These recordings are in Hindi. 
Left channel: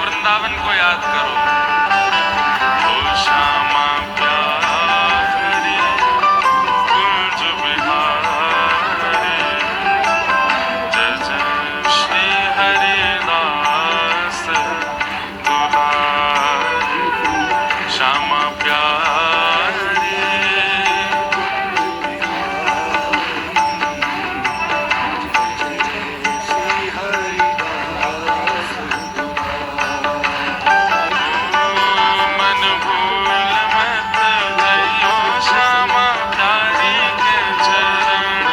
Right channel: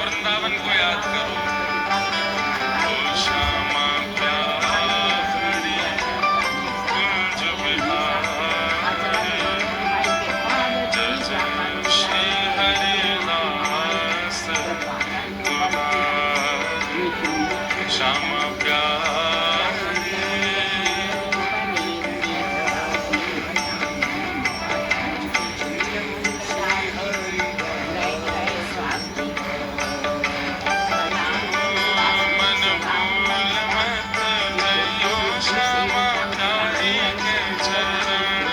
वृंदावन को याद करो। ओ श्यामा प्यारी कुंज बिहारी, जय जय श्री हरिदास दुलारी। श्यामा प्यारी मन भूल मत जइयो श्यामा प्यारी के चरण,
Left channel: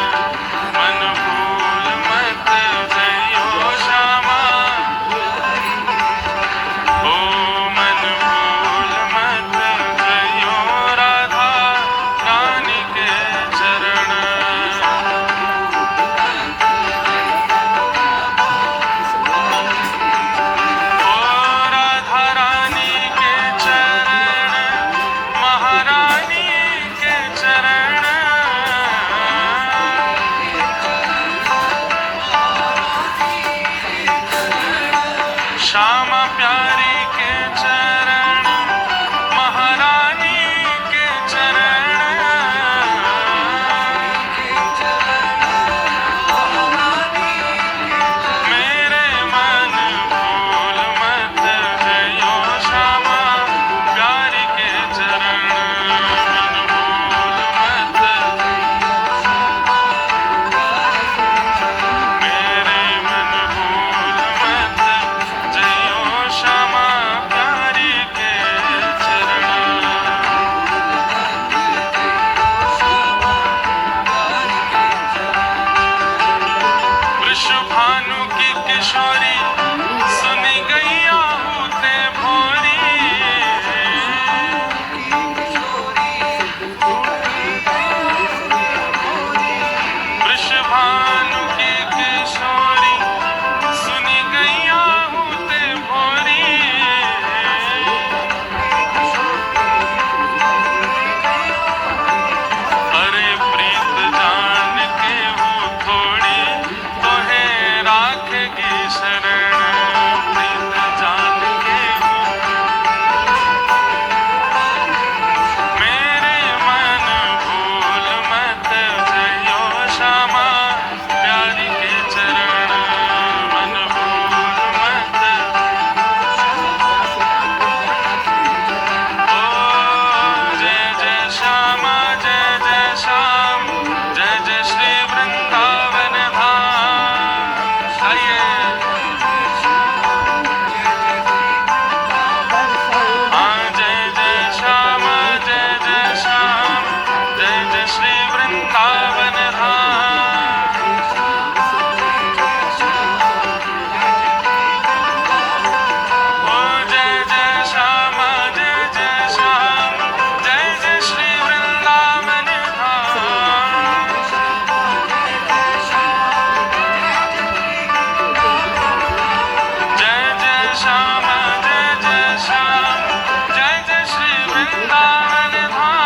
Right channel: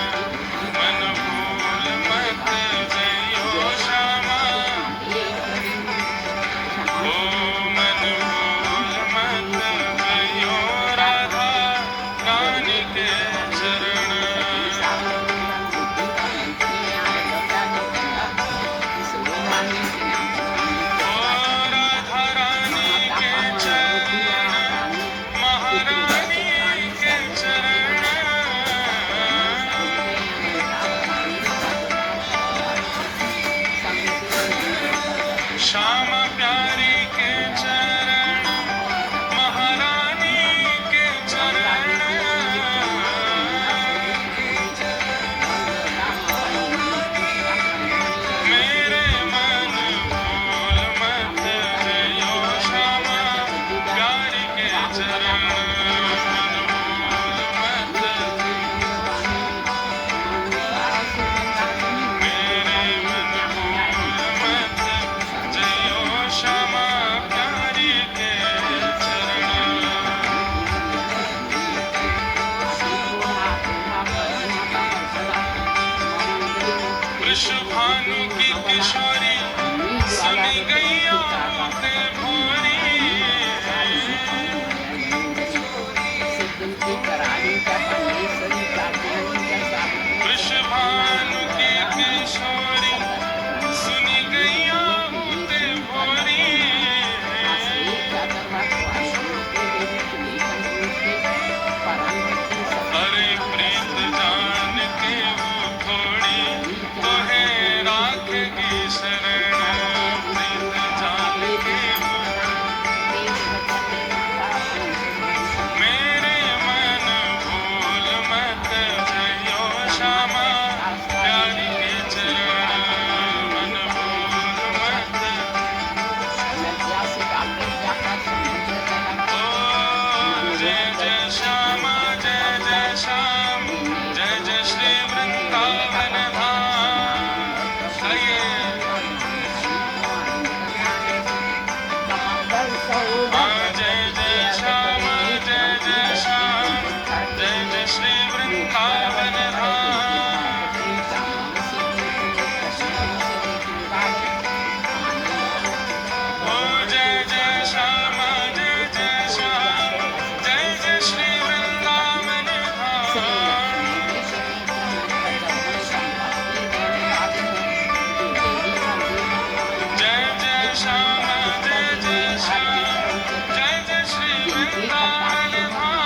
मन भूल मत जइयो श्यामा। ओ मन भूल मत जइयो राधा रानी के चरण। ओ राधा रानी के चरण, महारानी के चरण। श्यामा प्यारी के चरण, महारानी के चरण। मेरे मन भूल मत जइयो श्यामा प्यारी के चरण, मन भूल मत। मेरे मन भूल मत जइयो श्यामा प्यारी के चरण। वृषभानु की किशोरी सुनी गैया होते भोरी। वृषभानु की किशोरी सुनी गैया होते भोरी। अरे प्रीत जान के वो थोड़ी तो है राखेगी शरण, प्रीत जान के वो। मेरे मन भूल मत जइयो श्यामा प्यारी के चरण, मन भूल मत। ओ जय जय श्यामा जय जय श्याम, जय जय श्री वृंदावन धाम। आइए हाँ, जय जय श्यामा जय जय श्याम, जय जय श्री वृंदावन धाम। ओ जय जय श्यामा जय जय श्याम, जय जय श्री वृंदावन धाम। जय जय श्यामा जय जय श्याम, जय जय श्री वृंदावन धाम।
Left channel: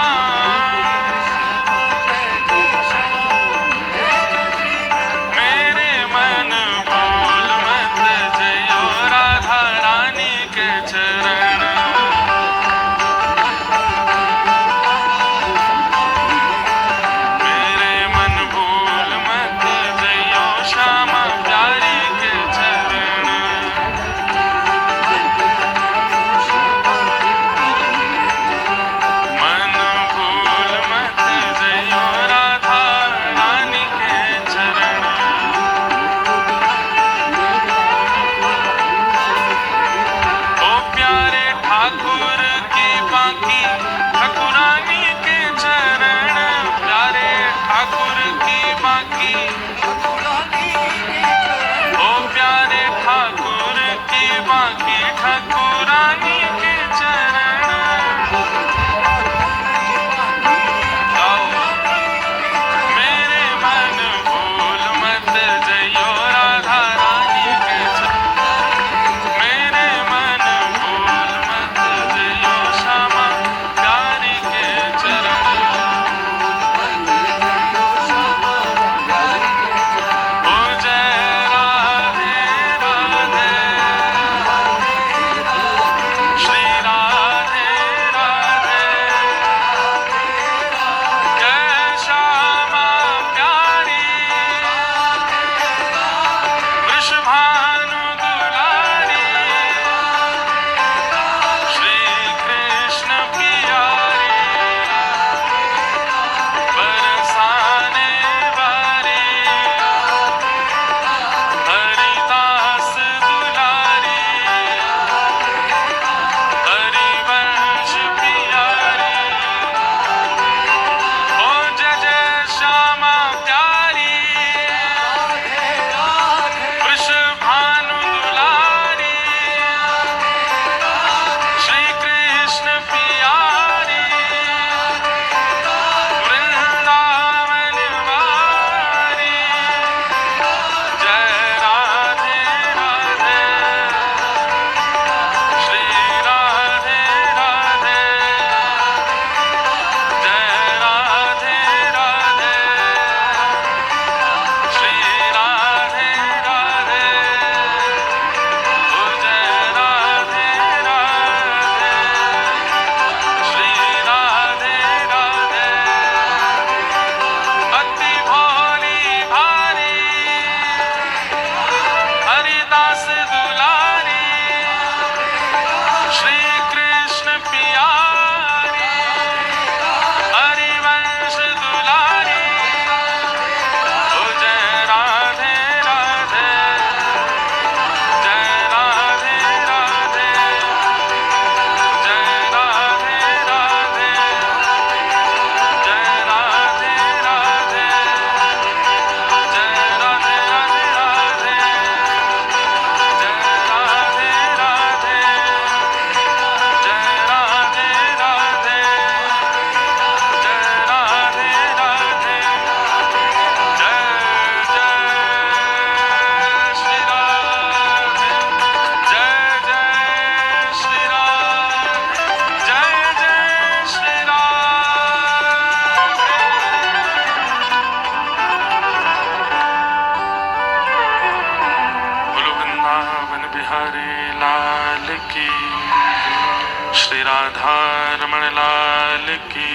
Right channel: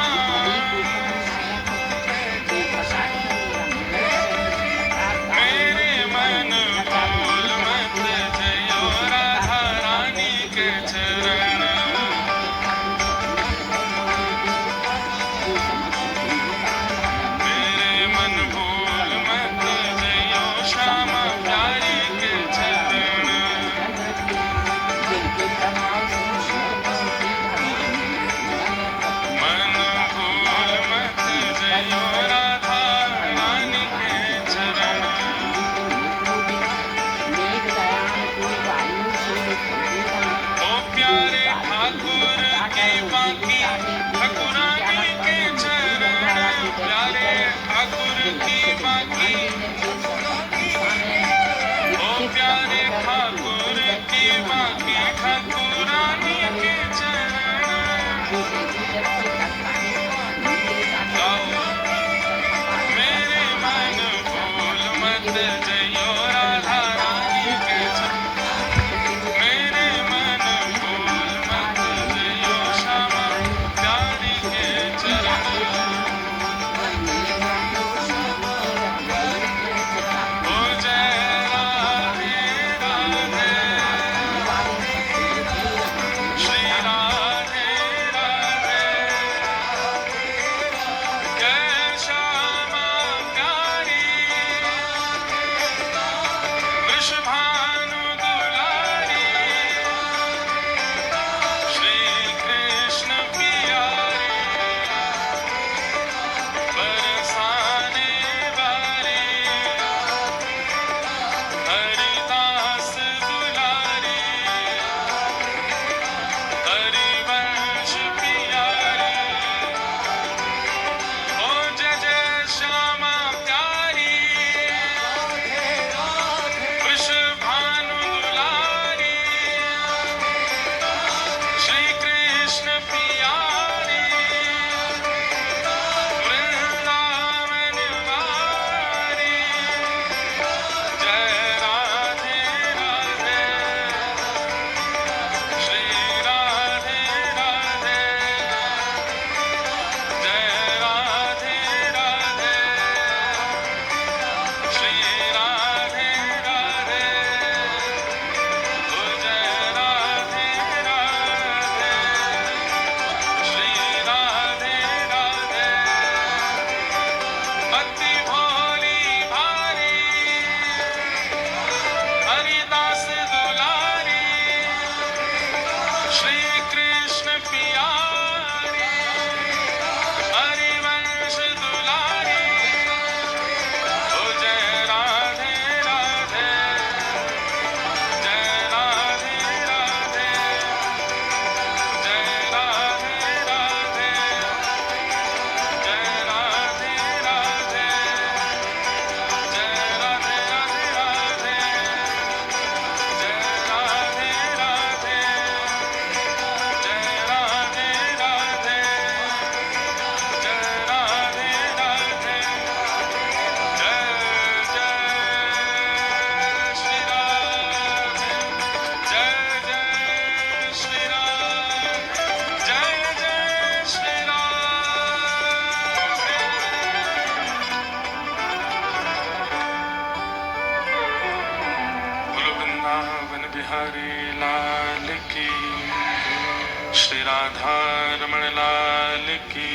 मेरे मन भूल मत जइयो राधा रानी के चरण। मेरे मन भूल मत जइयो श्यामा प्यारी के चरण। मन भूल मत जइयो राधा रानी के चरण। ओ प्यारे ठाकुर की बाकी ठाकुरानी के चरण, प्यारे ठाकुर की बाकी। ओ प्यारे ठाकुर की बाकी ठाकुरानी के चरण। गाओ मेरे मन भूल मत जइयो राधा रानी के चरण। मेरे मन भूल मत जइयो श्यामा प्यारी के चरण। ओ जय राधे राधे, बिहारी लाल की, श्री राधा रमण लाल की,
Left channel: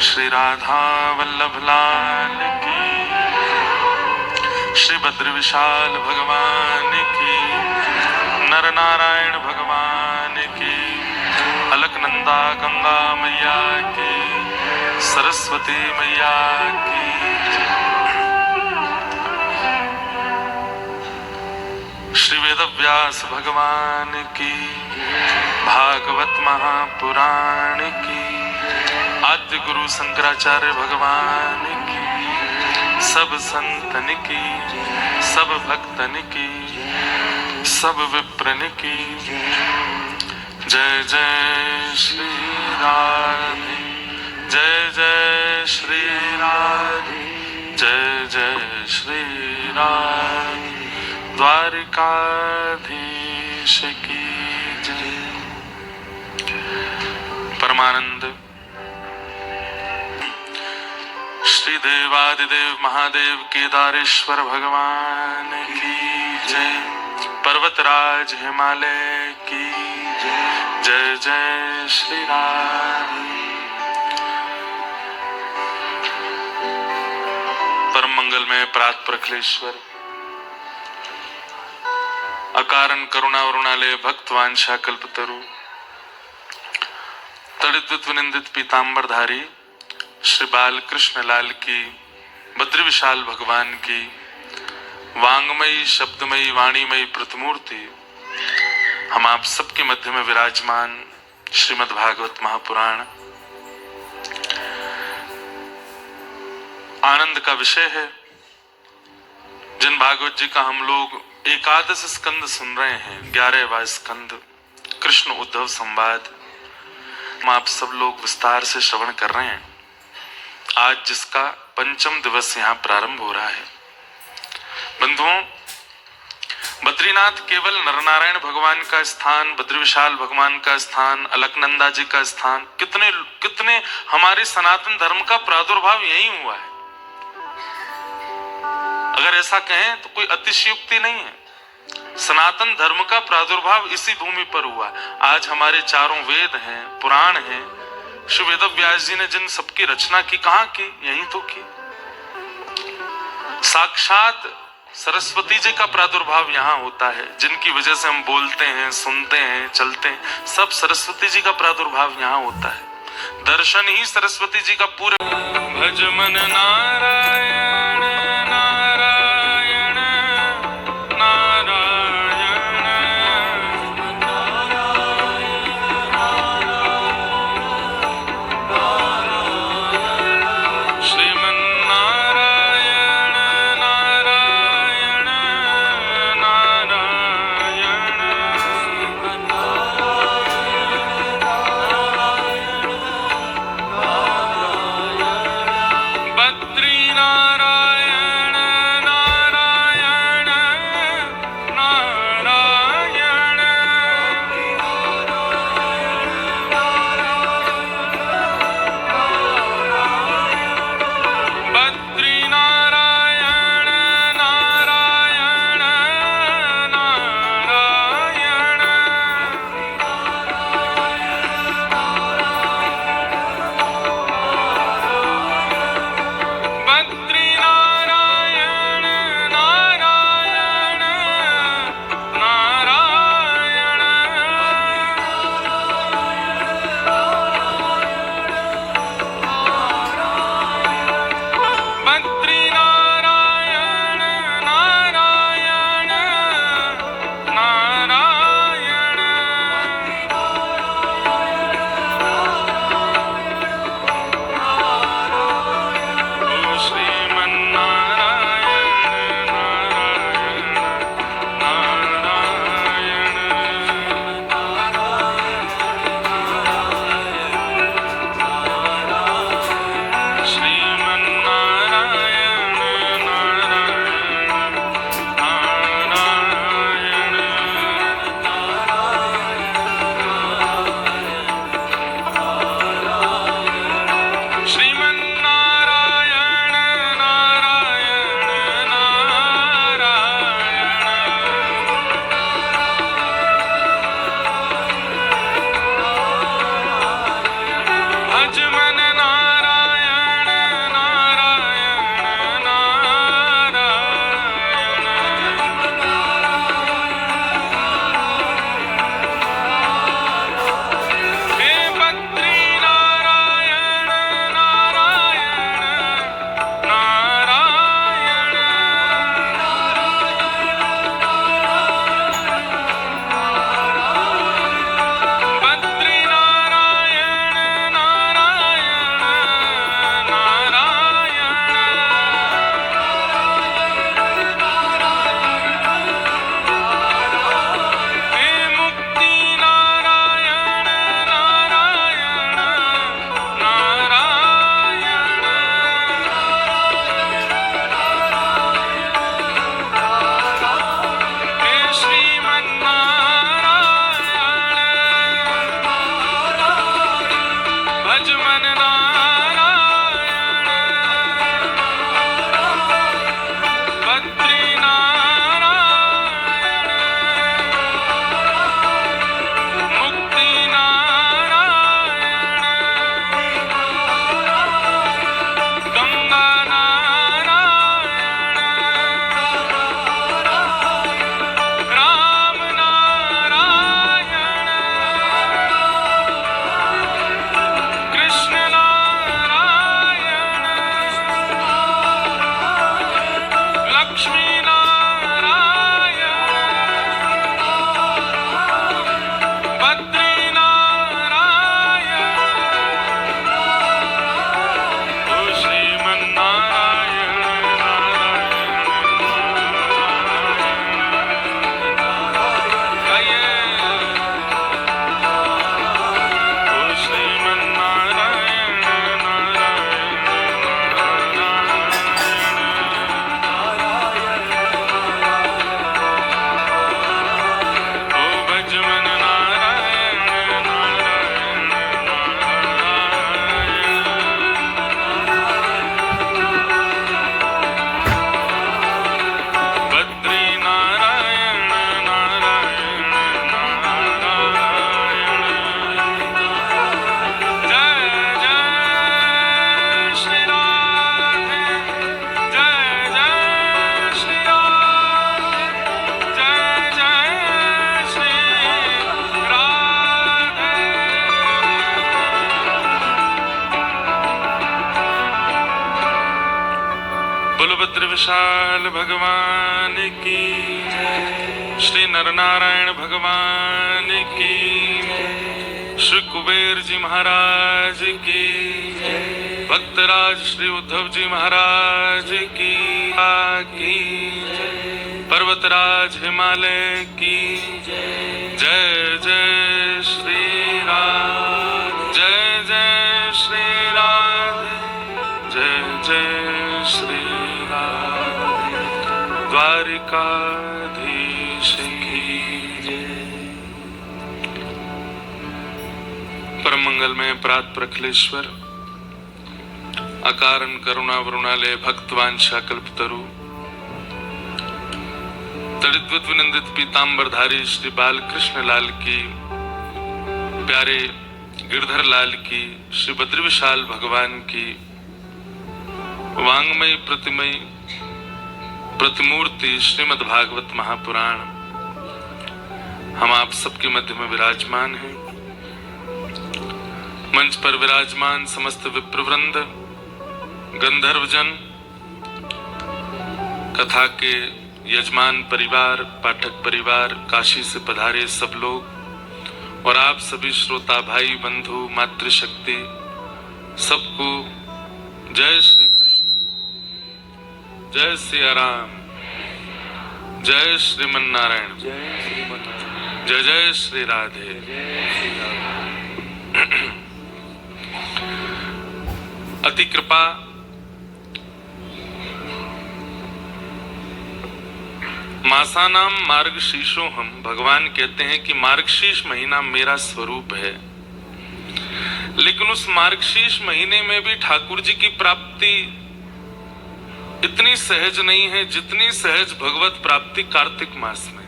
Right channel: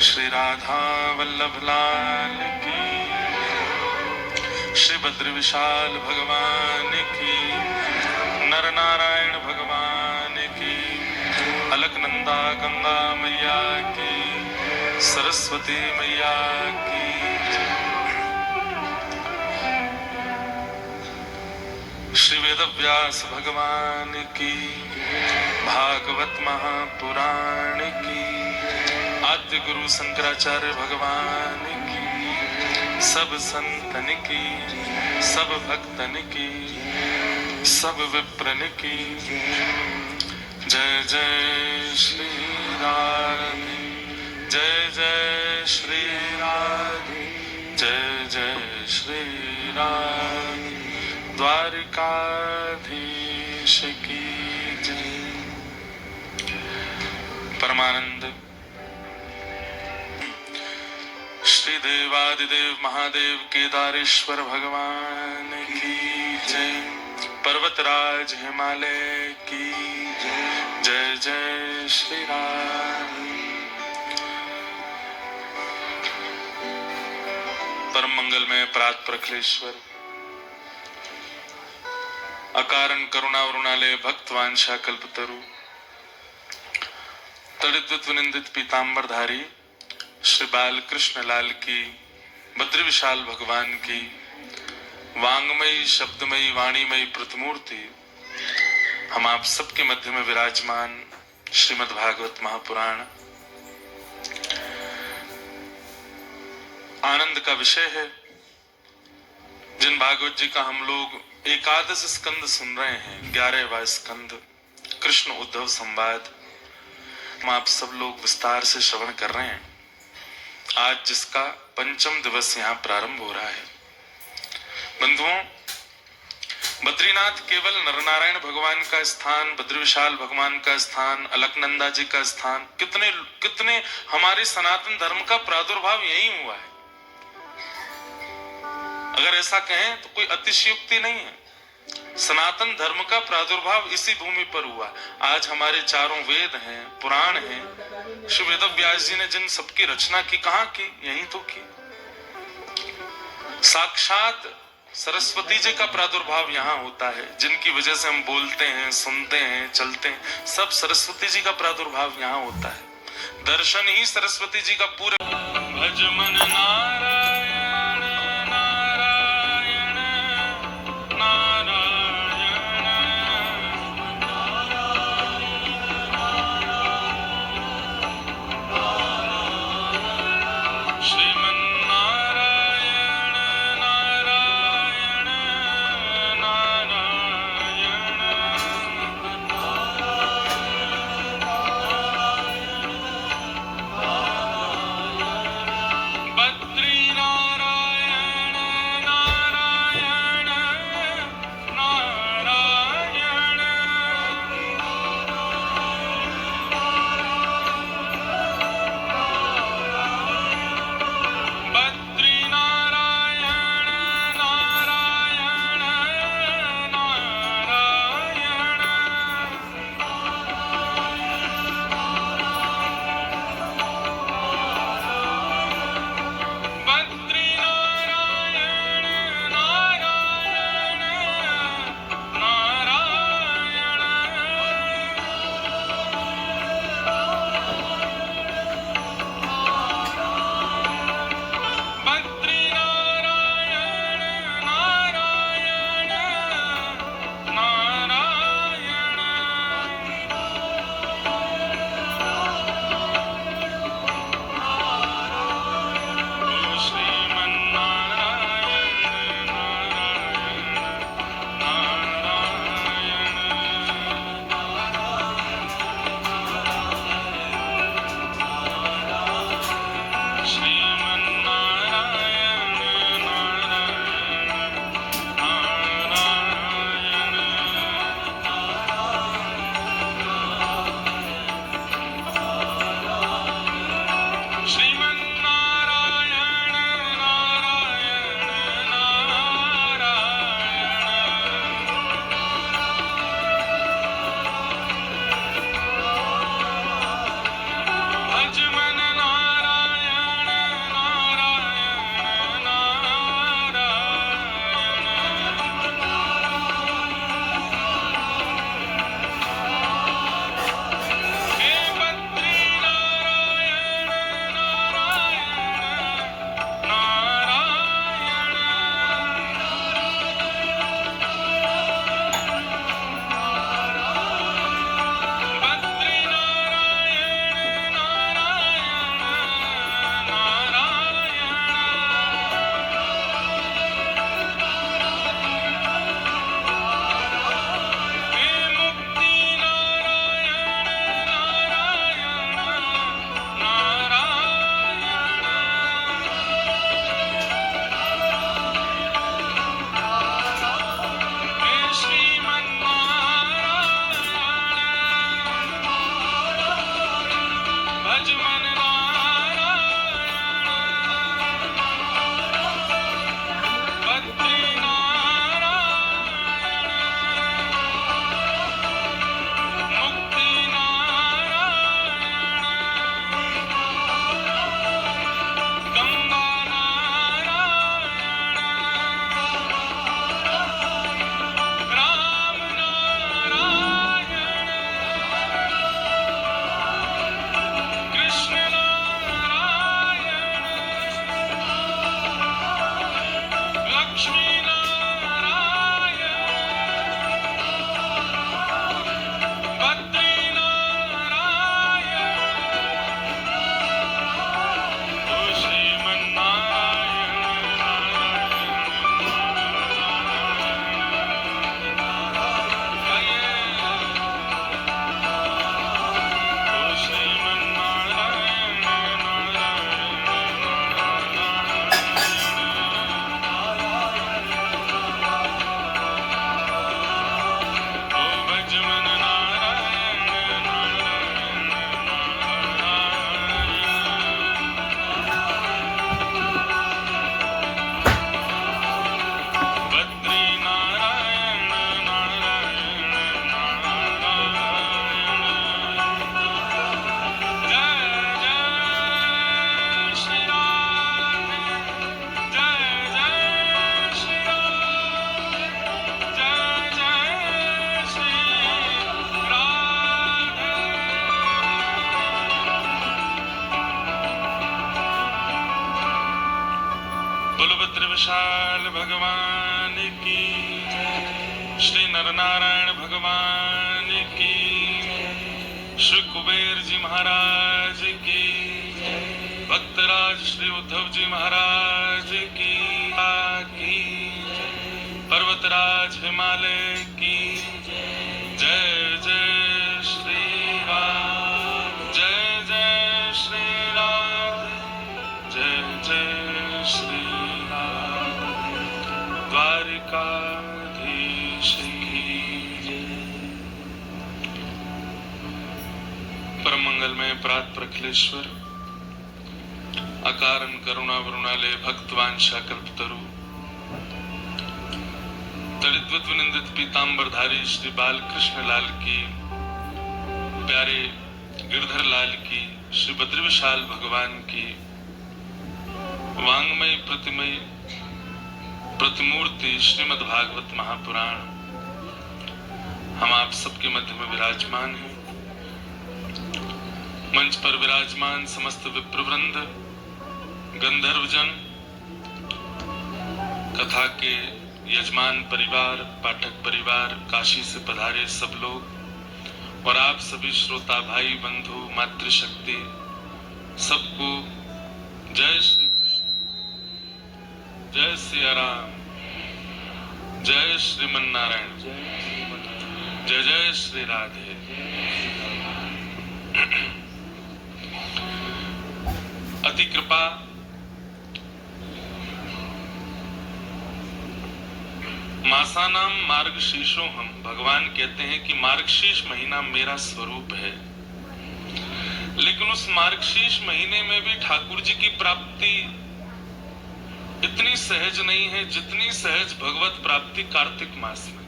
श्री राधा वल्लभ लाल की, श्री बद्र विशाल भगवान की, नर नारायण भगवान की, अलकनंदा गंगा मैया की, सरस्वती मैया की, श्री वेदव्यास भगवान की, भागवत महापुराण की, आद्य गुरु शंकराचार्य भगवान की, सब संतन की, सब भक्तन की, सब विप्रन की। जय जय श्री राधे, जय जय श्री राधे, जय जय श्री राधे, द्वारिकाधीश की जय। परमानंद श्री देवादिदेव महादेव केदारेश्वर भगवान की जय। पर्वतराज हिमालय की जय। जय जय श्री राधे। परम मंगल में प्रात प्रखलेश्वर, अकारण करुणा वरुणालय भक्त वांछा कल्पतरु, तड़ित विनिंदित पीतांबरधारी श्री बाल कृष्ण लाल की, बद्री विशाल भगवान की, वांगमयी शब्दमयी वाणीमयी प्रतिमूर्ति, हम आप सबके मध्य में विराजमान श्रीमद् भागवत महापुराण आनंद का विषय है। जिन भागवत जी का हम लोग एकादश स्कंद सुन रहे हैं, 11वां स्कंद कृष्ण उद्धव संवाद, हम आप सब लोग विस्तार से श्रवण कर रहे हैं। आज जिसका पंचम दिवस यहाँ प्रारंभ हो रहा है। बंधुओं, बद्रीनाथ केवल नरनारायण भगवान का स्थान, बद्री विशाल भगवान का स्थान, अलकनंदा जी का स्थान, कितने कितने हमारे सनातन धर्म का प्रादुर्भाव यही हुआ है। अगर ऐसा कहें तो कोई अतिशयोक्ति नहीं है। सनातन धर्म का प्रादुर्भाव इसी भूमि पर हुआ। आज हमारे चारों वेद हैं, पुराण हैं। श्री वेदव्यास जी ने जिन सबकी रचना की, कहां की? यहीं तो की। साक्षात सरस्वती जी का प्रादुर्भाव यहाँ होता है। जिनकी वजह से हम बोलते हैं, सुनते हैं, चलते हैं, सब सरस्वती जी का प्रादुर्भाव यहाँ होता है। दर्शन ही सरस्वती जी का पूरे। भज मन नारायण नारायण नारायण, श्रीमन नारायण नारायण नारायण, बद्रीनाथ विशाल भगवान की, श्री नरनारायण भगवान की, श्री कुबेर जी महाराज की, भक्तराज श्री उद्धव जी महाराज की, पर्वतराज हिमालय की जय जय श्री राम, जय जय श्री राम, जय जय श्री राम, द्वारिकाधीश की जय। परम मंगल में प्रात प्रखलेश्वर, अकारण करुणा वरुणालय, भक्तवांछा कल्पतरु, तड़िद्वत विनंदित पीतांबरधारी श्री बालकृष्ण लाल की, प्यारे गिरधर लाल की, श्री बद्री विशाल भगवान की, वांगमय प्रतिमय प्रतिमूर्ति श्रीमद् भागवत महापुराण हम आप सबके मध्य में विराजमान हैं। मंच पर विराजमान समस्त विप्रवृंद, गंधर्वजन, कथा के यजमान परिवार, पाठक परिवार, काशी से पधारे सब लोग और आप सभी श्रोता भाई बंधु मातृशक्ति, सबको जय श्री कृष्ण, जय सिया राम, जय श्रीमन नारायण, जय जय श्री राधे। अति कृपा मासानाम मार्गशीर्षो हम, भगवान कहते हैं कि मार्गशीर्ष महीना मेरा स्वरूप है, लेकिन उस मार्गशीर्ष महीने में भी ठाकुर जी की प्राप्ति इतनी सहज नहीं है जितनी सहज भगवत प्राप्ति कार्तिक मास में।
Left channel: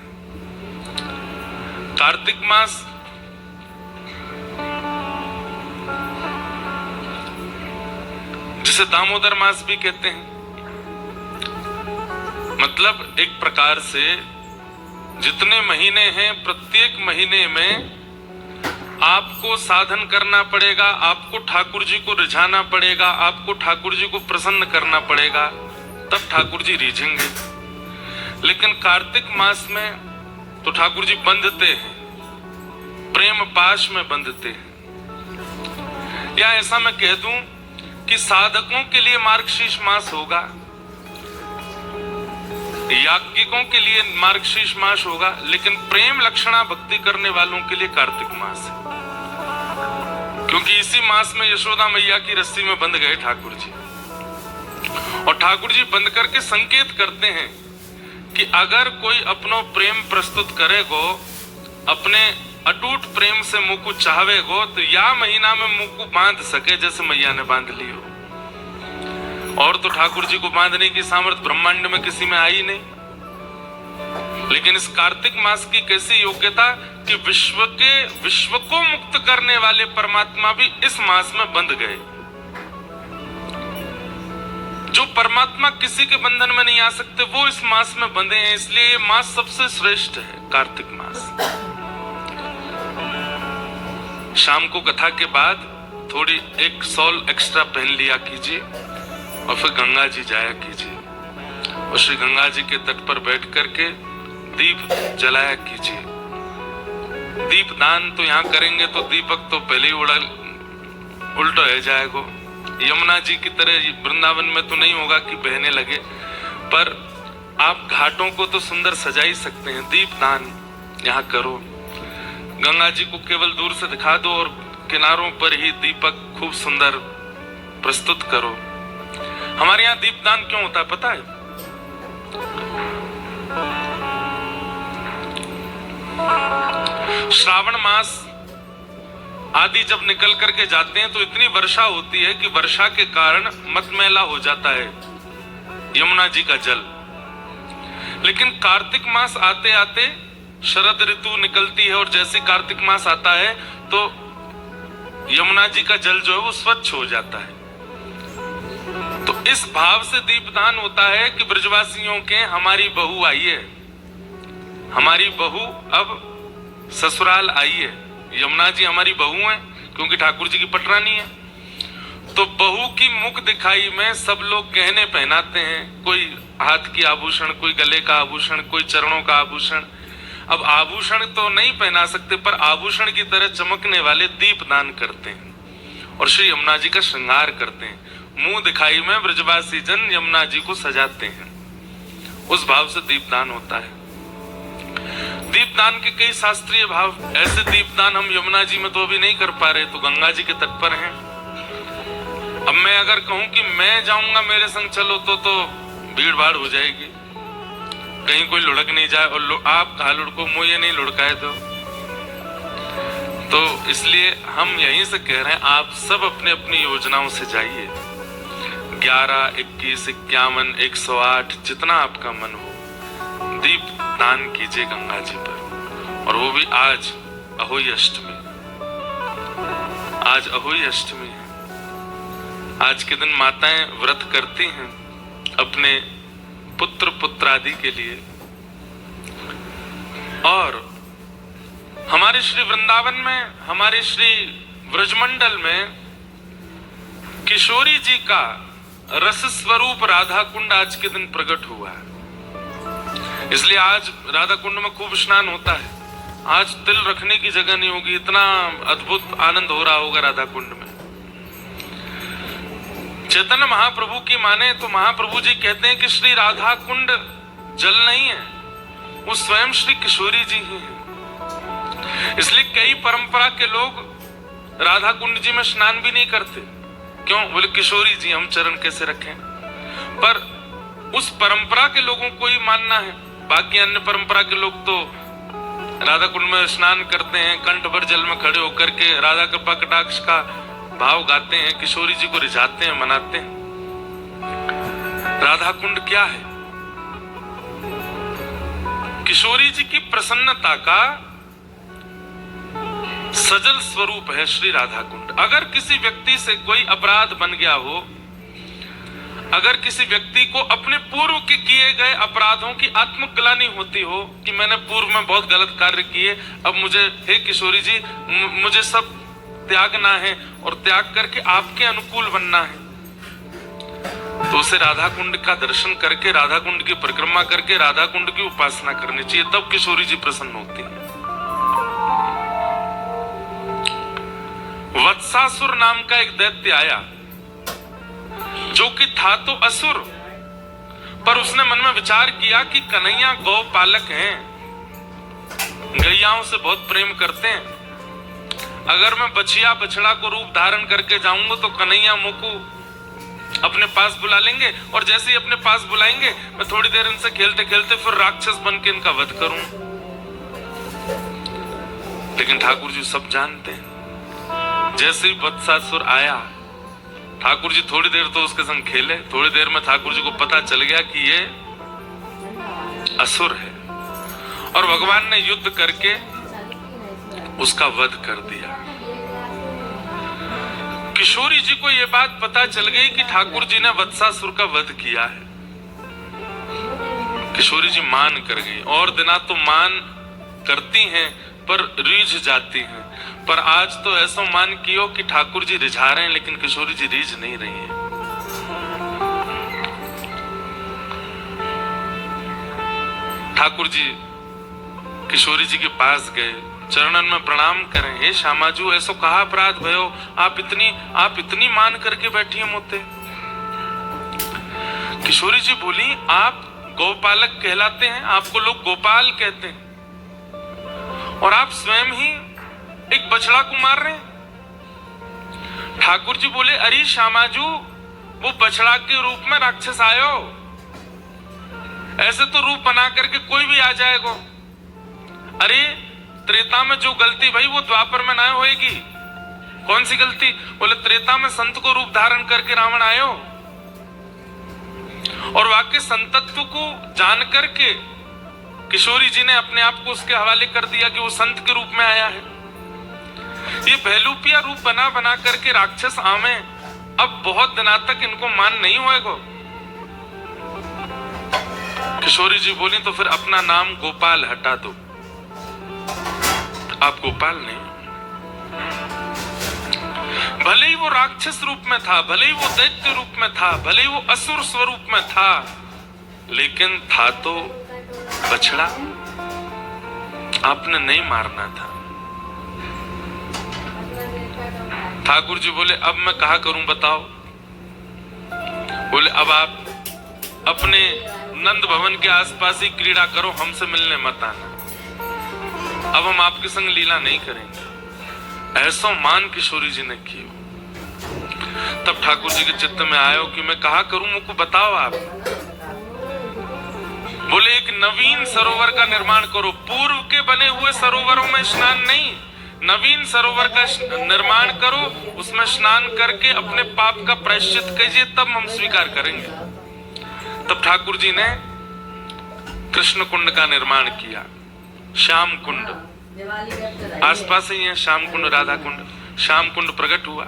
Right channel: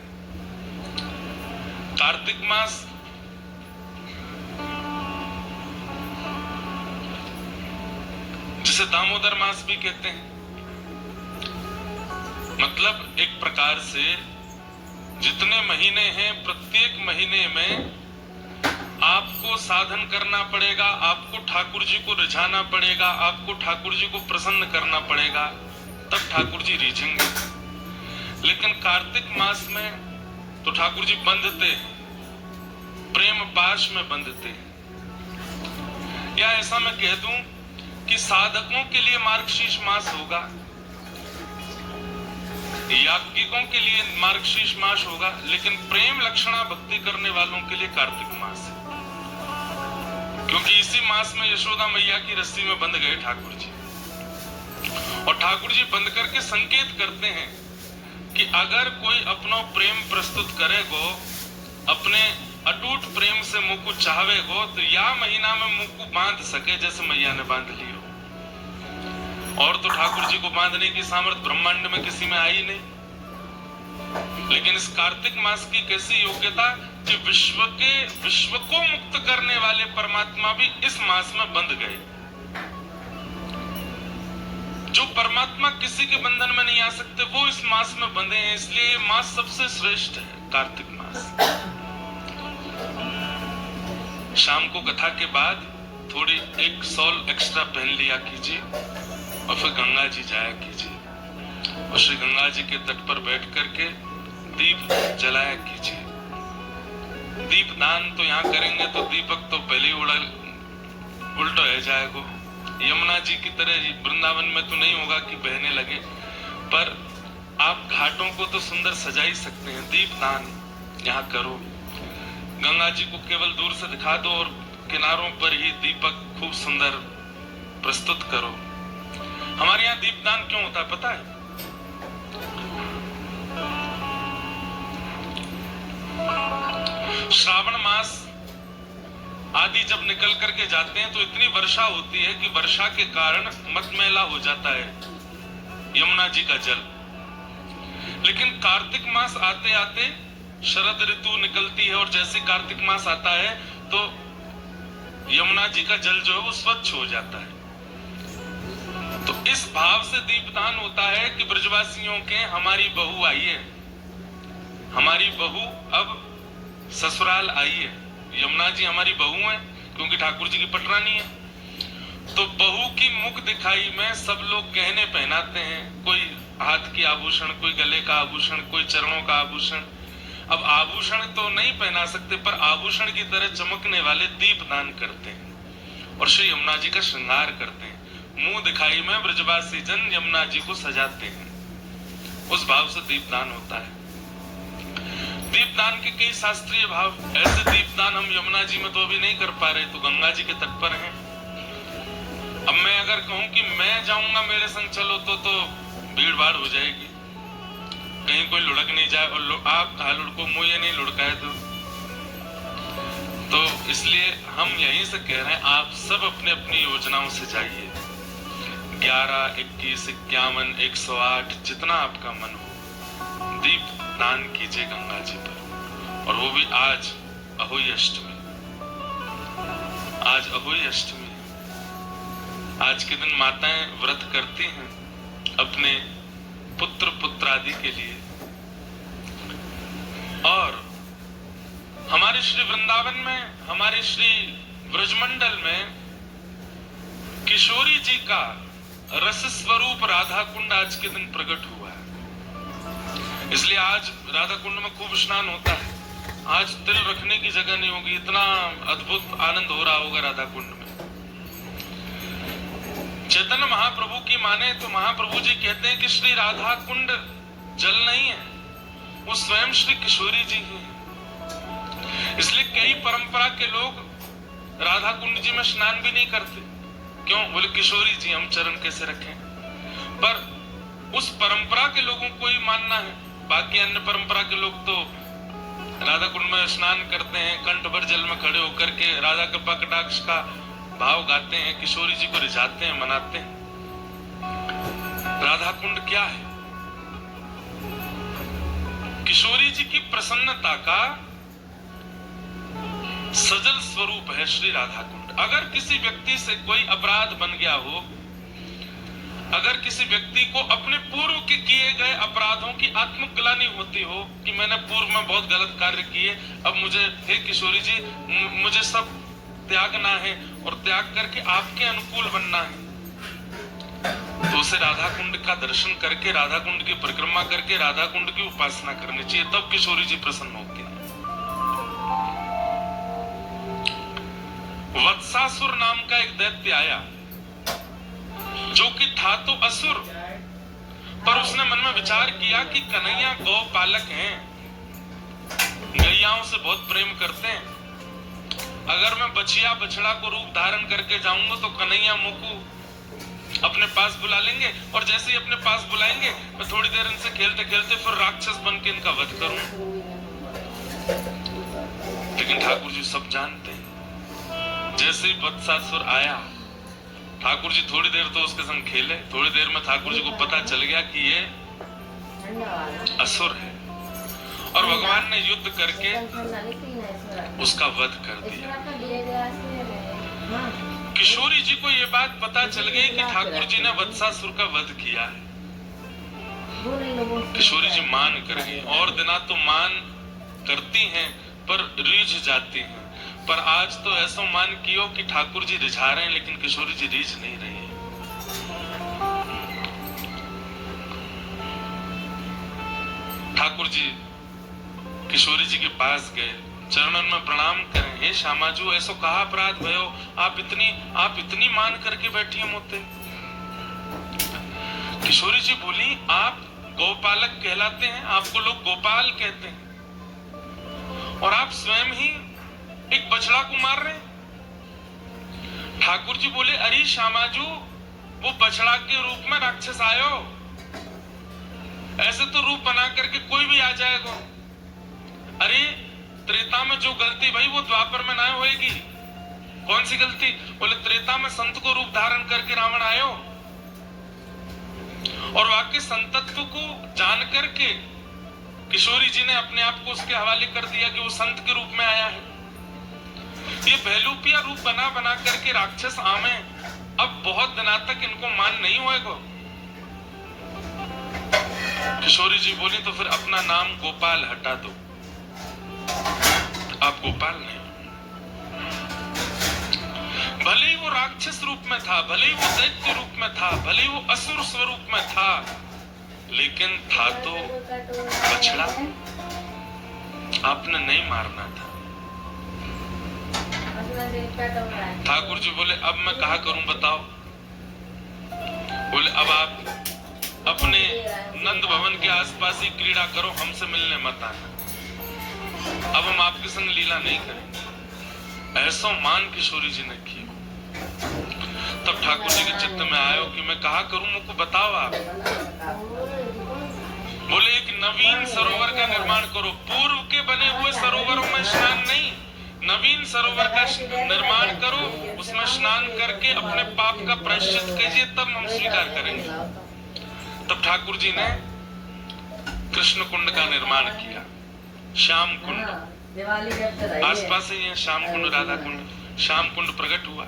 कार्तिक मास जिसे दामोदर मास भी कहते हैं, मतलब एक प्रकार से जितने महीने हैं प्रत्येक महीने में आपको साधन करना पड़ेगा, आपको ठाकुर जी को रिझाना पड़ेगा, आपको ठाकुर जी को प्रसन्न करना पड़ेगा, तब ठाकुर जी रिझेंगे। लेकिन कार्तिक मास में तो ठाकुर जी बंधते हैं, प्रेम पाश में बंधते हैं। या ऐसा मैं कह दूं कि साधकों के लिए मार्गशीर्ष मास होगा, याज्ञिकों के लिए मार्गशीर्ष मास होगा, लेकिन प्रेम लक्षणा भक्ति करने वालों के लिए कार्तिक मास है। क्योंकि इसी मास में यशोदा मैया की रस्सी में बंध गए ठाकुर जी, और ठाकुर जी बंध करके संकेत करते हैं कि अगर कोई अपनो प्रेम प्रस्तुत करेगो, अपने अटूट प्रेम से मुंह को चाहेगो, तो या महीना में मुंह को बांध सके जैसे मैया ने बांध ली हो। और तो ठाकुर जी को बांधने की सामर्थ्य ब्रह्मांड में किसी में आई नहीं, लेकिन इस कार्तिक मास की कैसी योग्यता कि विश्व को मुक्त करने वाले परमात्मा भी इस मास में बंध गए। जो परमात्मा किसी के बंधन में नहीं आ सकते वो इस मास में बंधे हैं, इसलिए ये मास सबसे श्रेष्ठ है, कार्तिक मास। शाम को कथा के बाद थोड़ी एक शॉल एक्स्ट्रा पहन लिया कीजिए और फिर गंगा जी जाया कीजिए और श्री गंगा जी के तट पर बैठ करके दीप जलाया कीजिए। दीप दान तो यहाँ करेंगे तो दीपक तो पहले ही उल्टा हो जाएगा। यमुना जी की तरह वृंदावन में तो नहीं होगा कि बहने लगे, पर आप घाटों को तो सुंदर सजा ही सकते हैं। दीप दान यहाँ करो, गंगा जी को केवल दूर से दिखा दो और किनारों पर ही दीपक खूब सुंदर प्रस्तुत करो। हमारे यहाँ दीपदान क्यों होता है पता है? श्रावण मास आदि जब निकल करके जाते हैं तो इतनी वर्षा होती है कि वर्षा के कारण मतमैला हो जाता है यमुना जी का जल। लेकिन कार्तिक मास आते आते शरद ऋतु निकलती है और जैसे कार्तिक मास आता है तो यमुना जी का जल जो है वो स्वच्छ हो जाता है। तो इस भाव से दीपदान होता है कि ब्रजवासियों के हमारी बहू आई है, हमारी बहू अब ससुराल आई है। यमुना जी हमारी बहू है क्योंकि ठाकुर जी की पटरानी है। तो बहू की मुख दिखाई में सब लोग गहने पहनाते हैं, कोई हाथ की आभूषण, कोई गले का आभूषण, कोई चरणों का आभूषण। अब आभूषण तो नहीं पहना सकते, पर आभूषण की तरह चमकने वाले दीप दान करते हैं और श्री यमुना जी का श्रृंगार करते हैं। मुंह दिखाई में ब्रजवासी जन यमुना जी को सजाते हैं, उस भाव से दीपदान होता है। दीपदान के कई शास्त्रीय भाव, ऐसे दीपदान हम यमुना जी में तो अभी नहीं कर पा रहे, तो गंगा जी के तट पर हैं। अब मैं अगर कहूं कि मैं जाऊंगा मेरे संग चलो तो भीड़ भाड़ हो जाएगी, कहीं कोई लुढ़क नहीं जाए, और आप कहा लुढ़को, मुझे नहीं लुढ़काए तो इसलिए हम यहीं से कह रहे हैं, आप सब अपने अपनी योजनाओं से जाइए। 11, 21, 51, 108 जितना आपका मन हो, दीप दान कीजिए गंगा जी पर। और वो भी आज अहोई अष्टमी, आज अहोई अष्टमी है। आज के दिन माताएं व्रत करती हैं अपने पुत्र पुत्रादि के लिए। और हमारे श्री वृंदावन में, हमारे श्री ब्रजमंडल में किशोरी जी का रस स्वरूप राधा कुंड आज के दिन प्रकट हुआ है। इसलिए आज राधा कुंड में खूब स्नान होता है। आज तिल रखने की जगह नहीं होगी, इतना अद्भुत आनंद हो रहा होगा राधा कुंड में। चैतन्य महाप्रभु की माने तो महाप्रभु जी कहते हैं कि श्री राधा कुंड जल नहीं है, वो स्वयं श्री किशोरी जी ही है। इसलिए कई परंपरा के लोग राधा कुंड जी में स्नान भी नहीं करते। क्यों? बोले किशोरी जी हम चरण कैसे रखें। पर उस परंपरा के लोगों को ही मानना है। बाकी अन्य परंपरा के लोग तो राधा कुंड में स्नान करते हैं, कंठ भर जल में खड़े होकर के राधा कृपा कटाक्ष का भाव गाते हैं, किशोरी जी को रिझाते हैं, मनाते हैं। राधा कुंड क्या है? किशोरी जी की प्रसन्नता का सजल स्वरूप है श्री राधा कुंड। अगर किसी व्यक्ति से कोई अपराध बन गया हो, अगर किसी व्यक्ति को अपने पूर्व के किए गए अपराधों की आत्मग्लानि होती हो कि मैंने पूर्व में बहुत गलत कार्य किए, अब मुझे, हे किशोरी जी, मुझे सब त्यागना है और त्याग करके आपके अनुकूल बनना है, तो उसे राधा कुंड का दर्शन करके, राधा कुंड की परिक्रमा करके राधा कुंड की उपासना करनी चाहिए, तब किशोरी जी प्रसन्न होती है। वत्सासुर नाम का एक दैत्य आया जो कि था तो असुर, पर उसने मन में विचार किया कि कन्हैया गौ पालक हैं, गैयाओं से बहुत प्रेम करते हैं, अगर मैं बछिया बछड़ा को रूप धारण करके जाऊंगा तो कन्हैया मुझको अपने पास बुला लेंगे, और जैसे ही अपने पास बुलाएंगे मैं थोड़ी देर इनसे खेलते खेलते फिर राक्षस बन के इनका वध करूं। लेकिन ठाकुर जी सब जानते हैं। जैसे ही वत्सासुर आया, ठाकुर जी थोड़ी देर तो उसके संग खेले, थोड़ी देर में ठाकुर जी को पता चल गया कि ये असुर है, और भगवान ने युद्ध करके उसका वध कर दिया। किशोरी जी को यह बात पता चल गई कि ठाकुर जी ने वत्सासुर का वध किया है। किशोरी जी मान कर गई, और दिना तो मान करती हैं पर रीझ जाती हैं। पर आज तो ऐसा मान कियो कि ठाकुर जी रिझा रहे हैं, लेकिन किशोरी जी रीझ नहीं रही है। ठाकुर जी किशोरी जी के पास गए, चरणन में प्रणाम करें, हे श्यामाजू ऐसो कहा अपराध भयो, आप इतनी मान करके बैठी मोते। किशोरी जी बोली, आप गौपालक कहलाते हैं, आपको लोग गोपाल कहते हैं, और आप स्वयं ही एक बछड़ा को मार रहे हैं। ठाकुर जी बोले, अरे श्यामाजू वो बछड़ा के रूप में राक्षस आयो, ऐसे तो रूप बना करके कोई भी आ जाएगा। अरे त्रेता में जो गलती भाई वो द्वापर में ना होएगी। कौन सी गलती? बोले त्रेता में संत को रूप धारण करके रावण आयो, और वाक्य संतत्व को जान करके किशोरी जी ने अपने आप को उसके हवाले कर दिया कि वो संत के रूप में आया है। ये बहलूपिया रूप बना बना करके राक्षस आमे, अब बहुत दिनों तक इनको मान नहीं होएगा। किशोरी जी बोली, तो फिर अपना नाम गोपाल हटा दो, आप गोपाल नहीं। भले ही वो राक्षस रूप में था, भले ही वो दैत्य रूप में था, भले ही वो असुर स्वरूप में था, लेकिन था तो बछड़ा, आपने नहीं मारना था। ठाकुर जी बोले अब मैं कहा करूं बताओ। बोले अब आप अपने नंद भवन के आसपास ही क्रीड़ा करो, हमसे मिलने मत आना, अब हम आपके संग लीला नहीं करेंगे। ऐसा मान किशोरी जी ने किया। तब ठाकुर जी के चित्त में आयो कि मैं कहा करूं, मुझको बताओ आप। बोले एक नवीन सरोवर का निर्माण करो, पूर्व के बने हुए सरोवरों में स्नान नहीं, नवीन सरोवर का निर्माण करो, उसमें स्नान करके अपने पाप का प्रायश्चित कीजिए, तब हम स्वीकार करेंगे। तब ठाकुर जी ने कृष्ण कुंड का निर्माण किया, श्याम कुंड, आसपास ही है श्याम कुंड, राधा कुंड। श्याम कुंड प्रकट हुआ,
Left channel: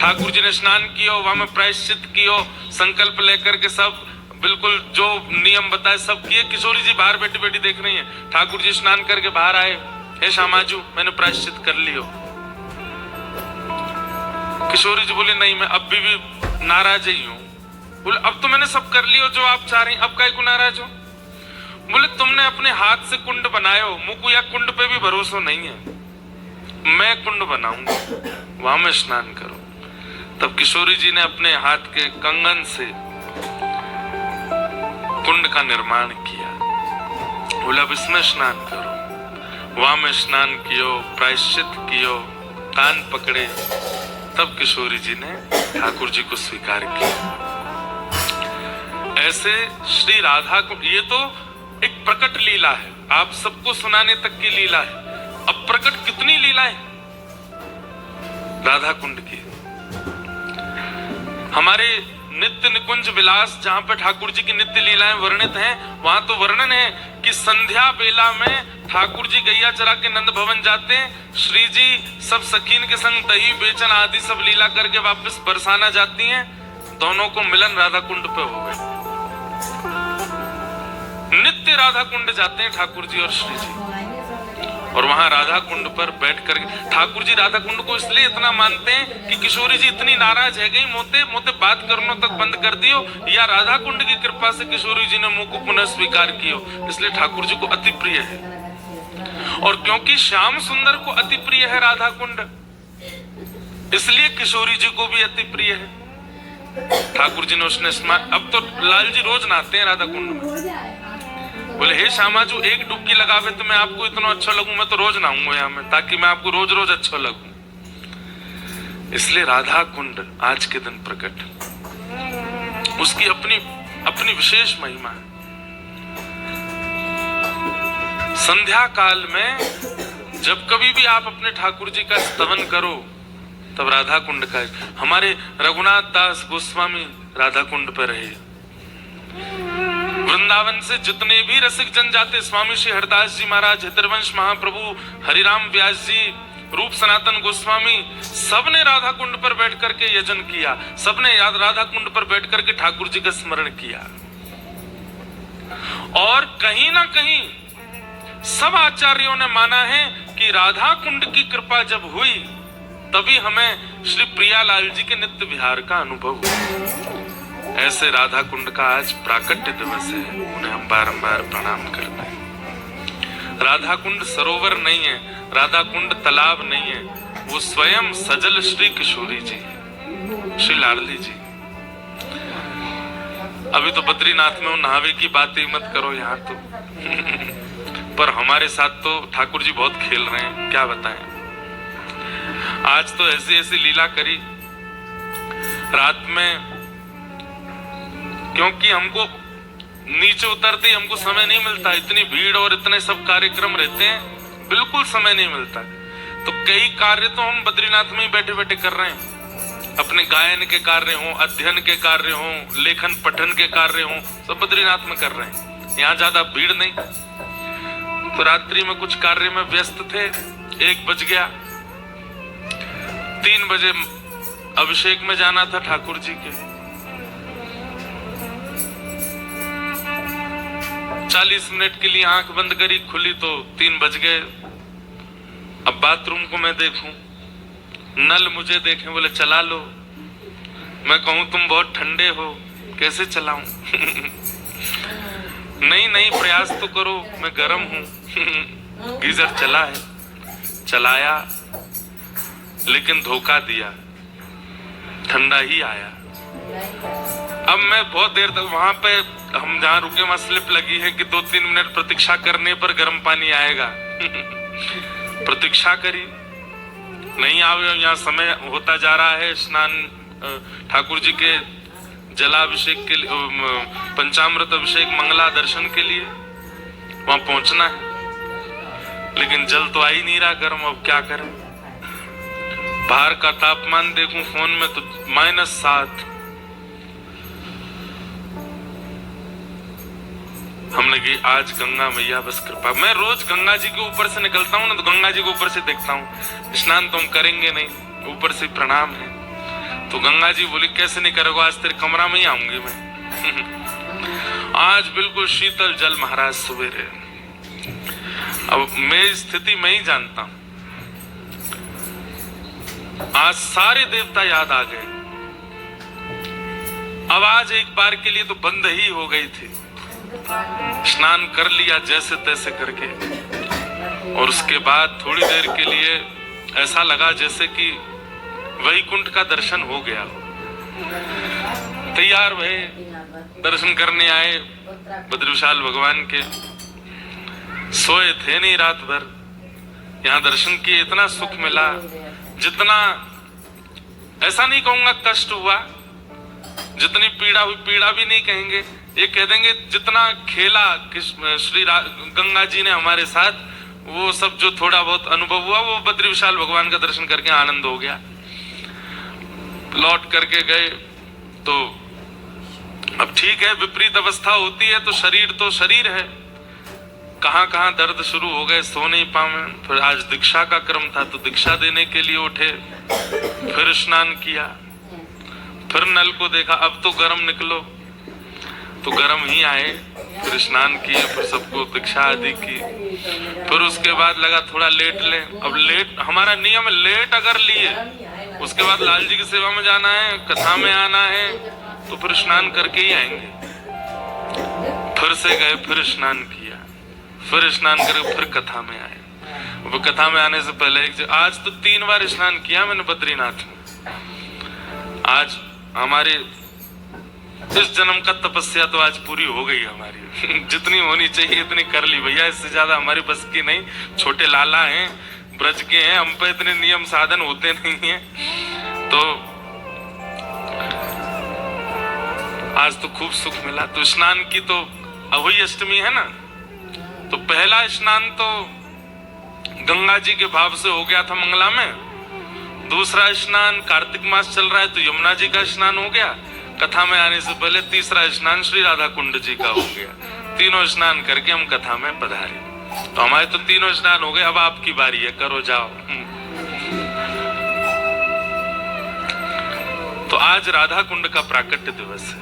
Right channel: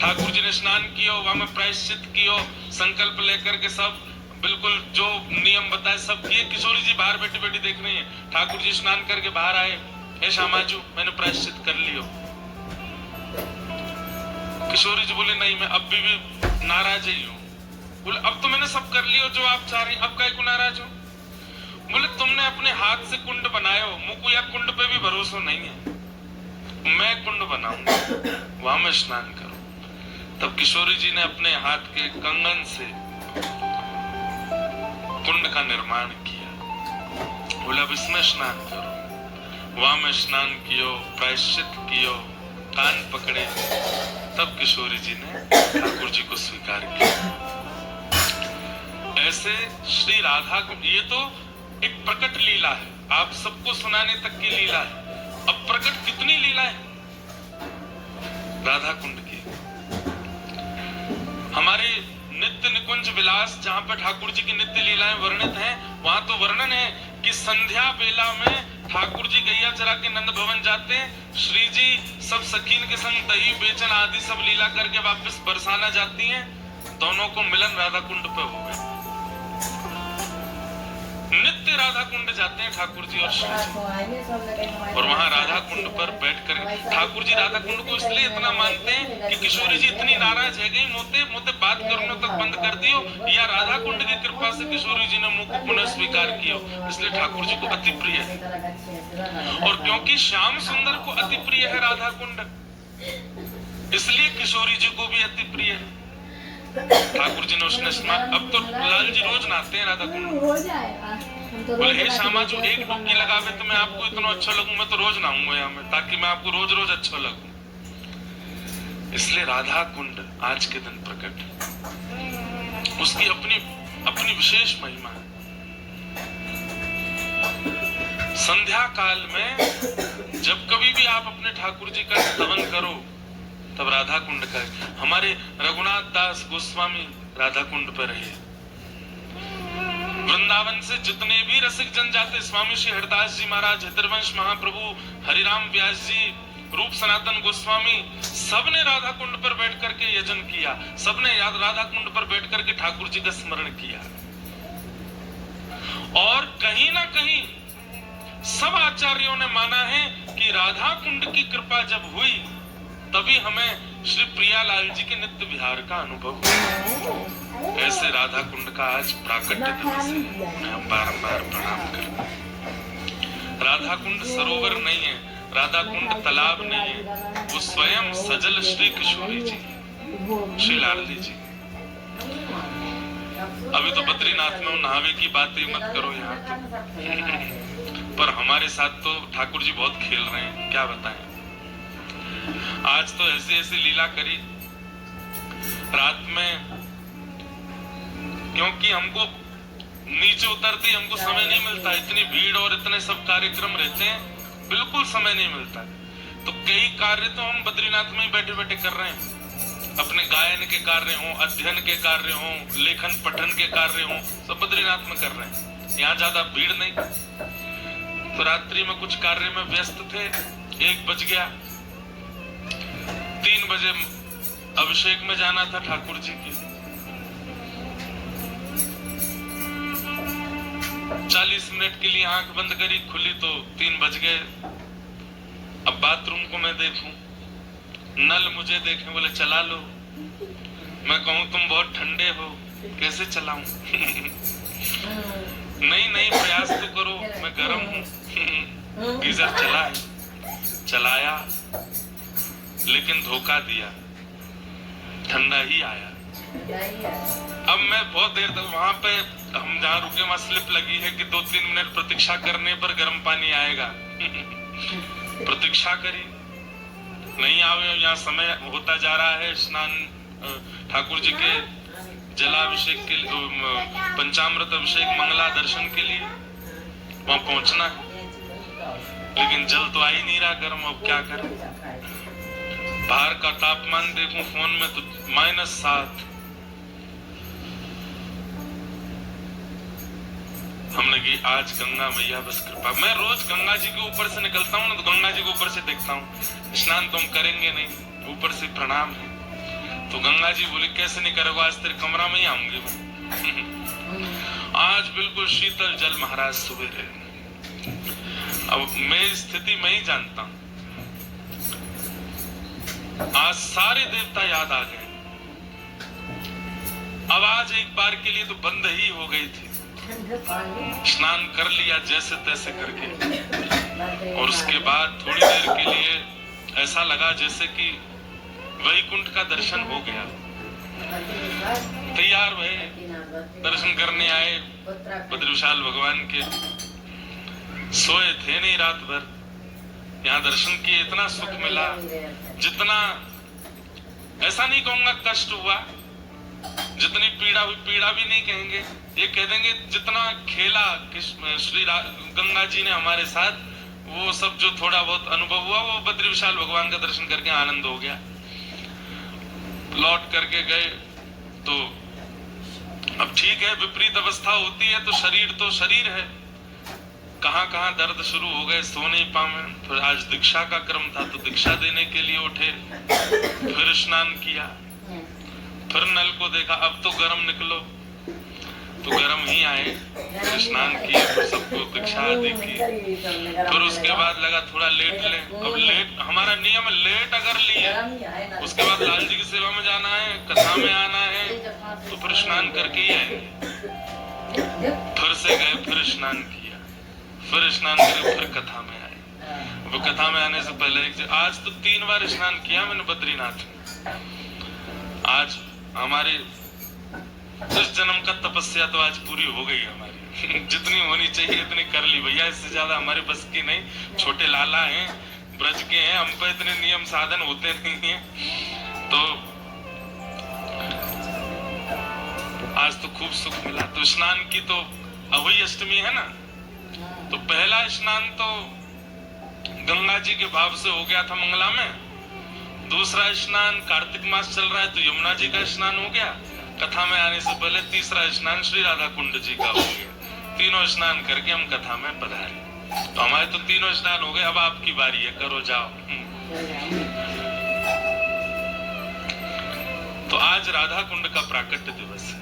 ठाकुर जी ने स्नान किया, वहां में प्रायश्चित किया, संकल्प लेकर के सब बिल्कुल जो नियम बताए सब किए। किशोरी जी बाहर बैठी बैठी देख रही है। ठाकुर जी स्नान करके बाहर आए, हे श्यामाजू मैंने प्रायश्चित कर लियो। किशोरी जी बोले नहीं, मैं अब भी नाराज ही हूँ। बोले अब तो मैंने सब कर लियो जो आप चाह रही, अब काहे को नाराज हो। बोले तुमने अपने हाथ से कुंड बनाए हो, मुझको या कुंड पे भी भरोसा नहीं है, मैं कुंड बनाऊंगा, वहां में स्नान करो। तब किशोरी जी ने अपने हाथ के कंगन से कुंड का निर्माण किया। बोला अब इसमें स्नान करो, वहां में स्नान कियो, प्रायश्चित कियो, कान पकड़े। तब किशोरी जी ने ठाकुर जी को स्वीकार किया। ऐसे श्री राधा को, ये तो एक प्रकट लीला है, आप सबको सुनाने तक की लीला है। अब प्रकट कितनी लीला है राधा कुंड की। हमारे नित्य निकुंज विलास जहां पे ठाकुर जी की नित्य लीलाएं वर्णित हैं, वहां तो वर्णन है कि संध्या बेला में ठाकुर जी गैया चरा के नंद भवन जाते हैं, श्री जी सब सखीन के संग दही बेचन आदि सब लीला करके वापस बरसाना जाती हैं, दोनों को मिलन राधा कुंड पे हो गए। नित्य राधा कुंड जाते हैं ठाकुर जी और श्री जी, और वहां राधा कुंड पर बैठ कर ठाकुर जी राधा कुंड को इसलिए इतना मानते हैं कि किशोरी जी इतनी नाराज है गई, मोते मोते बात करनो तक बंद कर दियो, या राधा कुंड की कृपा से किशोरी जी ने मुंह को पुनः स्वीकार कियो, इसलिए ठाकुर जी को अति प्रिय है। और क्योंकि श्याम सुंदर को अति प्रिय है राधा कुंड, इसलिए किशोरी जी को भी अति प्रिय है। ठाकुर जी ने उसने स्नान, अब तो लाल जी रोज नहाते हैं राधा कुंड में। बोले हे श्यामाजू एक डुबकी लगावे तो मैं आपको इतना अच्छा लगूं, मैं तो रोज नहाऊंगा यहाँ में, ताकि मैं आपको रोज रोज अच्छा लगूं। इसलिए राधा कुंड आज के दिन प्रकट, उसकी अपनी अपनी विशेष महिमा है। संध्या काल में जब कभी भी आप अपने ठाकुर जी का स्तवन करो, तब राधा कुंड का, हमारे रघुनाथ दास गोस्वामी राधा कुंड पर रहे। वृंदावन से जितने भी रसिक जन जाते, स्वामी श्री हरदास जी महाराज, हितरवंश महाप्रभु, हरिराम व्यास जी, रूप सनातन गोस्वामी, सबने राधा कुंड पर बैठ करके यजन किया, सबने राधा कुंड पर बैठ करके ठाकुर जी का स्मरण किया। और कहीं ना कहीं सब आचार्यों ने माना है कि राधा कुंड की कृपा जब हुई, तभी हमें श्री प्रियालाल जी के नित्य विहार का अनुभव हुआ। ऐसे राधा कुंड का आज प्राकट्य दिवस है, उन्हें हम बारंबार प्रणाम करते हैं। राधा कुंड सरोवर नहीं है, राधा कुंड तालाब नहीं है, वो स्वयं सजल श्री किशोरी जी, श्री लाडली जी। अभी तो बद्रीनाथ में वो नहावे की बात ही मत करो यहाँ तो पर हमारे साथ तो ठाकुर जी बहुत खेल रहे हैं, क्या बताएं। आज तो ऐसी ऐसी लीला करी रात में, क्योंकि हमको नीचे उतरते ही हमको समय नहीं मिलता, इतनी भीड़ और इतने सब कार्यक्रम रहते हैं, बिल्कुल समय नहीं मिलता। तो कई कार्य तो हम बद्रीनाथ में ही बैठे बैठे कर रहे हैं, अपने गायन के कार्य हों, अध्ययन के कार्य हों, लेखन पठन के कार्य हों, सब बद्रीनाथ में कर रहे हैं। यहाँ ज्यादा भीड़ नहीं। तो रात्रि में कुछ कार्य में व्यस्त थे, 1 बज गया, 3 बजे अभिषेक में जाना था ठाकुर जी के। 40 मिनट के लिए आंख बंद करी, खुली तो 3 बज गए। अब बाथरूम को मैं देखूं, नल मुझे देखें, बोले चला लो। मैं कहूं तुम बहुत ठंडे हो, कैसे चलाऊं नहीं नहीं प्रयास तो करो, मैं गर्म हूँ। गीजर चला है, चलाया, लेकिन धोखा दिया, ठंडा ही आया। अब मैं बहुत देर तक वहां पे, हम जहाँ रुके वहां स्लिप लगी है कि 2-3 मिनट प्रतीक्षा करने पर गर्म पानी आएगा। प्रतीक्षा करी, नहीं आवे। यहाँ समय होता जा रहा है स्नान ठाकुर जी के जलाभिषेक के लिए, पंचामृत अभिषेक मंगला दर्शन के लिए वहां पहुंचना है, लेकिन जल तो आ ही नहीं रहा गर्म। अब क्या करें? बाहर का तापमान देखूं फोन में तो -7। हमने कही आज गंगा मैया बस कृपा। मैं रोज गंगा जी के ऊपर से निकलता हूँ ना, तो गंगा जी के ऊपर से देखता हूँ। स्नान तो हम करेंगे नहीं, ऊपर से प्रणाम है। तो गंगा जी बोली कैसे नहीं करोगे, आज तेरे कमरा में ही आऊंगी मैं। आज बिल्कुल शीतल जल महाराज सवेरे। अब मेरी स्थिति मैं ही जानता हूं। आज सारे देवता याद आ गए। अब आज एक बार के लिए तो बंद ही हो गई थी। स्नान कर लिया जैसे तैसे करके, और उसके बाद थोड़ी देर के लिए ऐसा लगा जैसे कि वैकुंठ का दर्शन हो गया। तैयार भये, दर्शन करने आए बद्री विशाल भगवान के। सोए थे नहीं रात भर, यहाँ दर्शन किए, इतना सुख मिला जितना, ऐसा नहीं कहूंगा कष्ट हुआ, जितनी पीड़ा हुई, पीड़ा भी नहीं कहेंगे, ये कह देंगे जितना खेला श्री गंगा जी ने हमारे साथ, वो सब जो थोड़ा बहुत अनुभव हुआ वो बद्री विशाल भगवान का दर्शन करके आनंद हो गया। लौट करके गए तो अब ठीक है, विपरीत अवस्था होती है तो शरीर है, कहां कहां दर्द शुरू हो गए, सो नहीं पाए। फिर आज दीक्षा का क्रम था तो दीक्षा देने के लिए उठे, फिर स्नान किया, फिर नल को देखा, अब तो गर्म निकलो, तो गर्म ही आए। फिर स्नान किए, फिर सबको दीक्षा आदि की। फिर उसके बाद लगा थोड़ा लेट ले। अब लेट हमारा नियम, लेट अगर लिए उसके बाद लाल जी की सेवा में जाना है, कथा में आना है, तो फिर स्नान करके ही आएंगे। फिर से गए, फिर स्नान किया, फिर स्नान करके फिर कथा में आए। वो कथा में आने से पहले आज तो 3 बार स्नान किया मैंने बद्रीनाथ में। आज हमारे इस जन्म का तपस्या तो आज पूरी हो गई हमारी। जितनी होनी चाहिए इतनी कर ली भैया, इससे ज्यादा हमारी बस की नहीं। छोटे लाला हैं, ब्रज के हैं, हम पे इतने नियम साधन होते नहीं हैं। तो आज तो खूब सुख मिला। तो स्नान की तो अहोई अष्टमी है ना, तो पहला स्नान तो गंगा जी के भाव से हो गया था मंगला में। दूसरा स्नान कार्तिक मास चल रहा है तो यमुना जी का स्नान हो गया। कथा में आने से पहले तीसरा स्नान श्री राधा कुंड जी का हो गया। तीनों स्नान करके हम कथा में पधारे। तो हमारे तो तीनों स्नान हो गए, अब आपकी बारी है, करो जाओ। तो आज राधा कुंड का प्राकट्य दिवस है।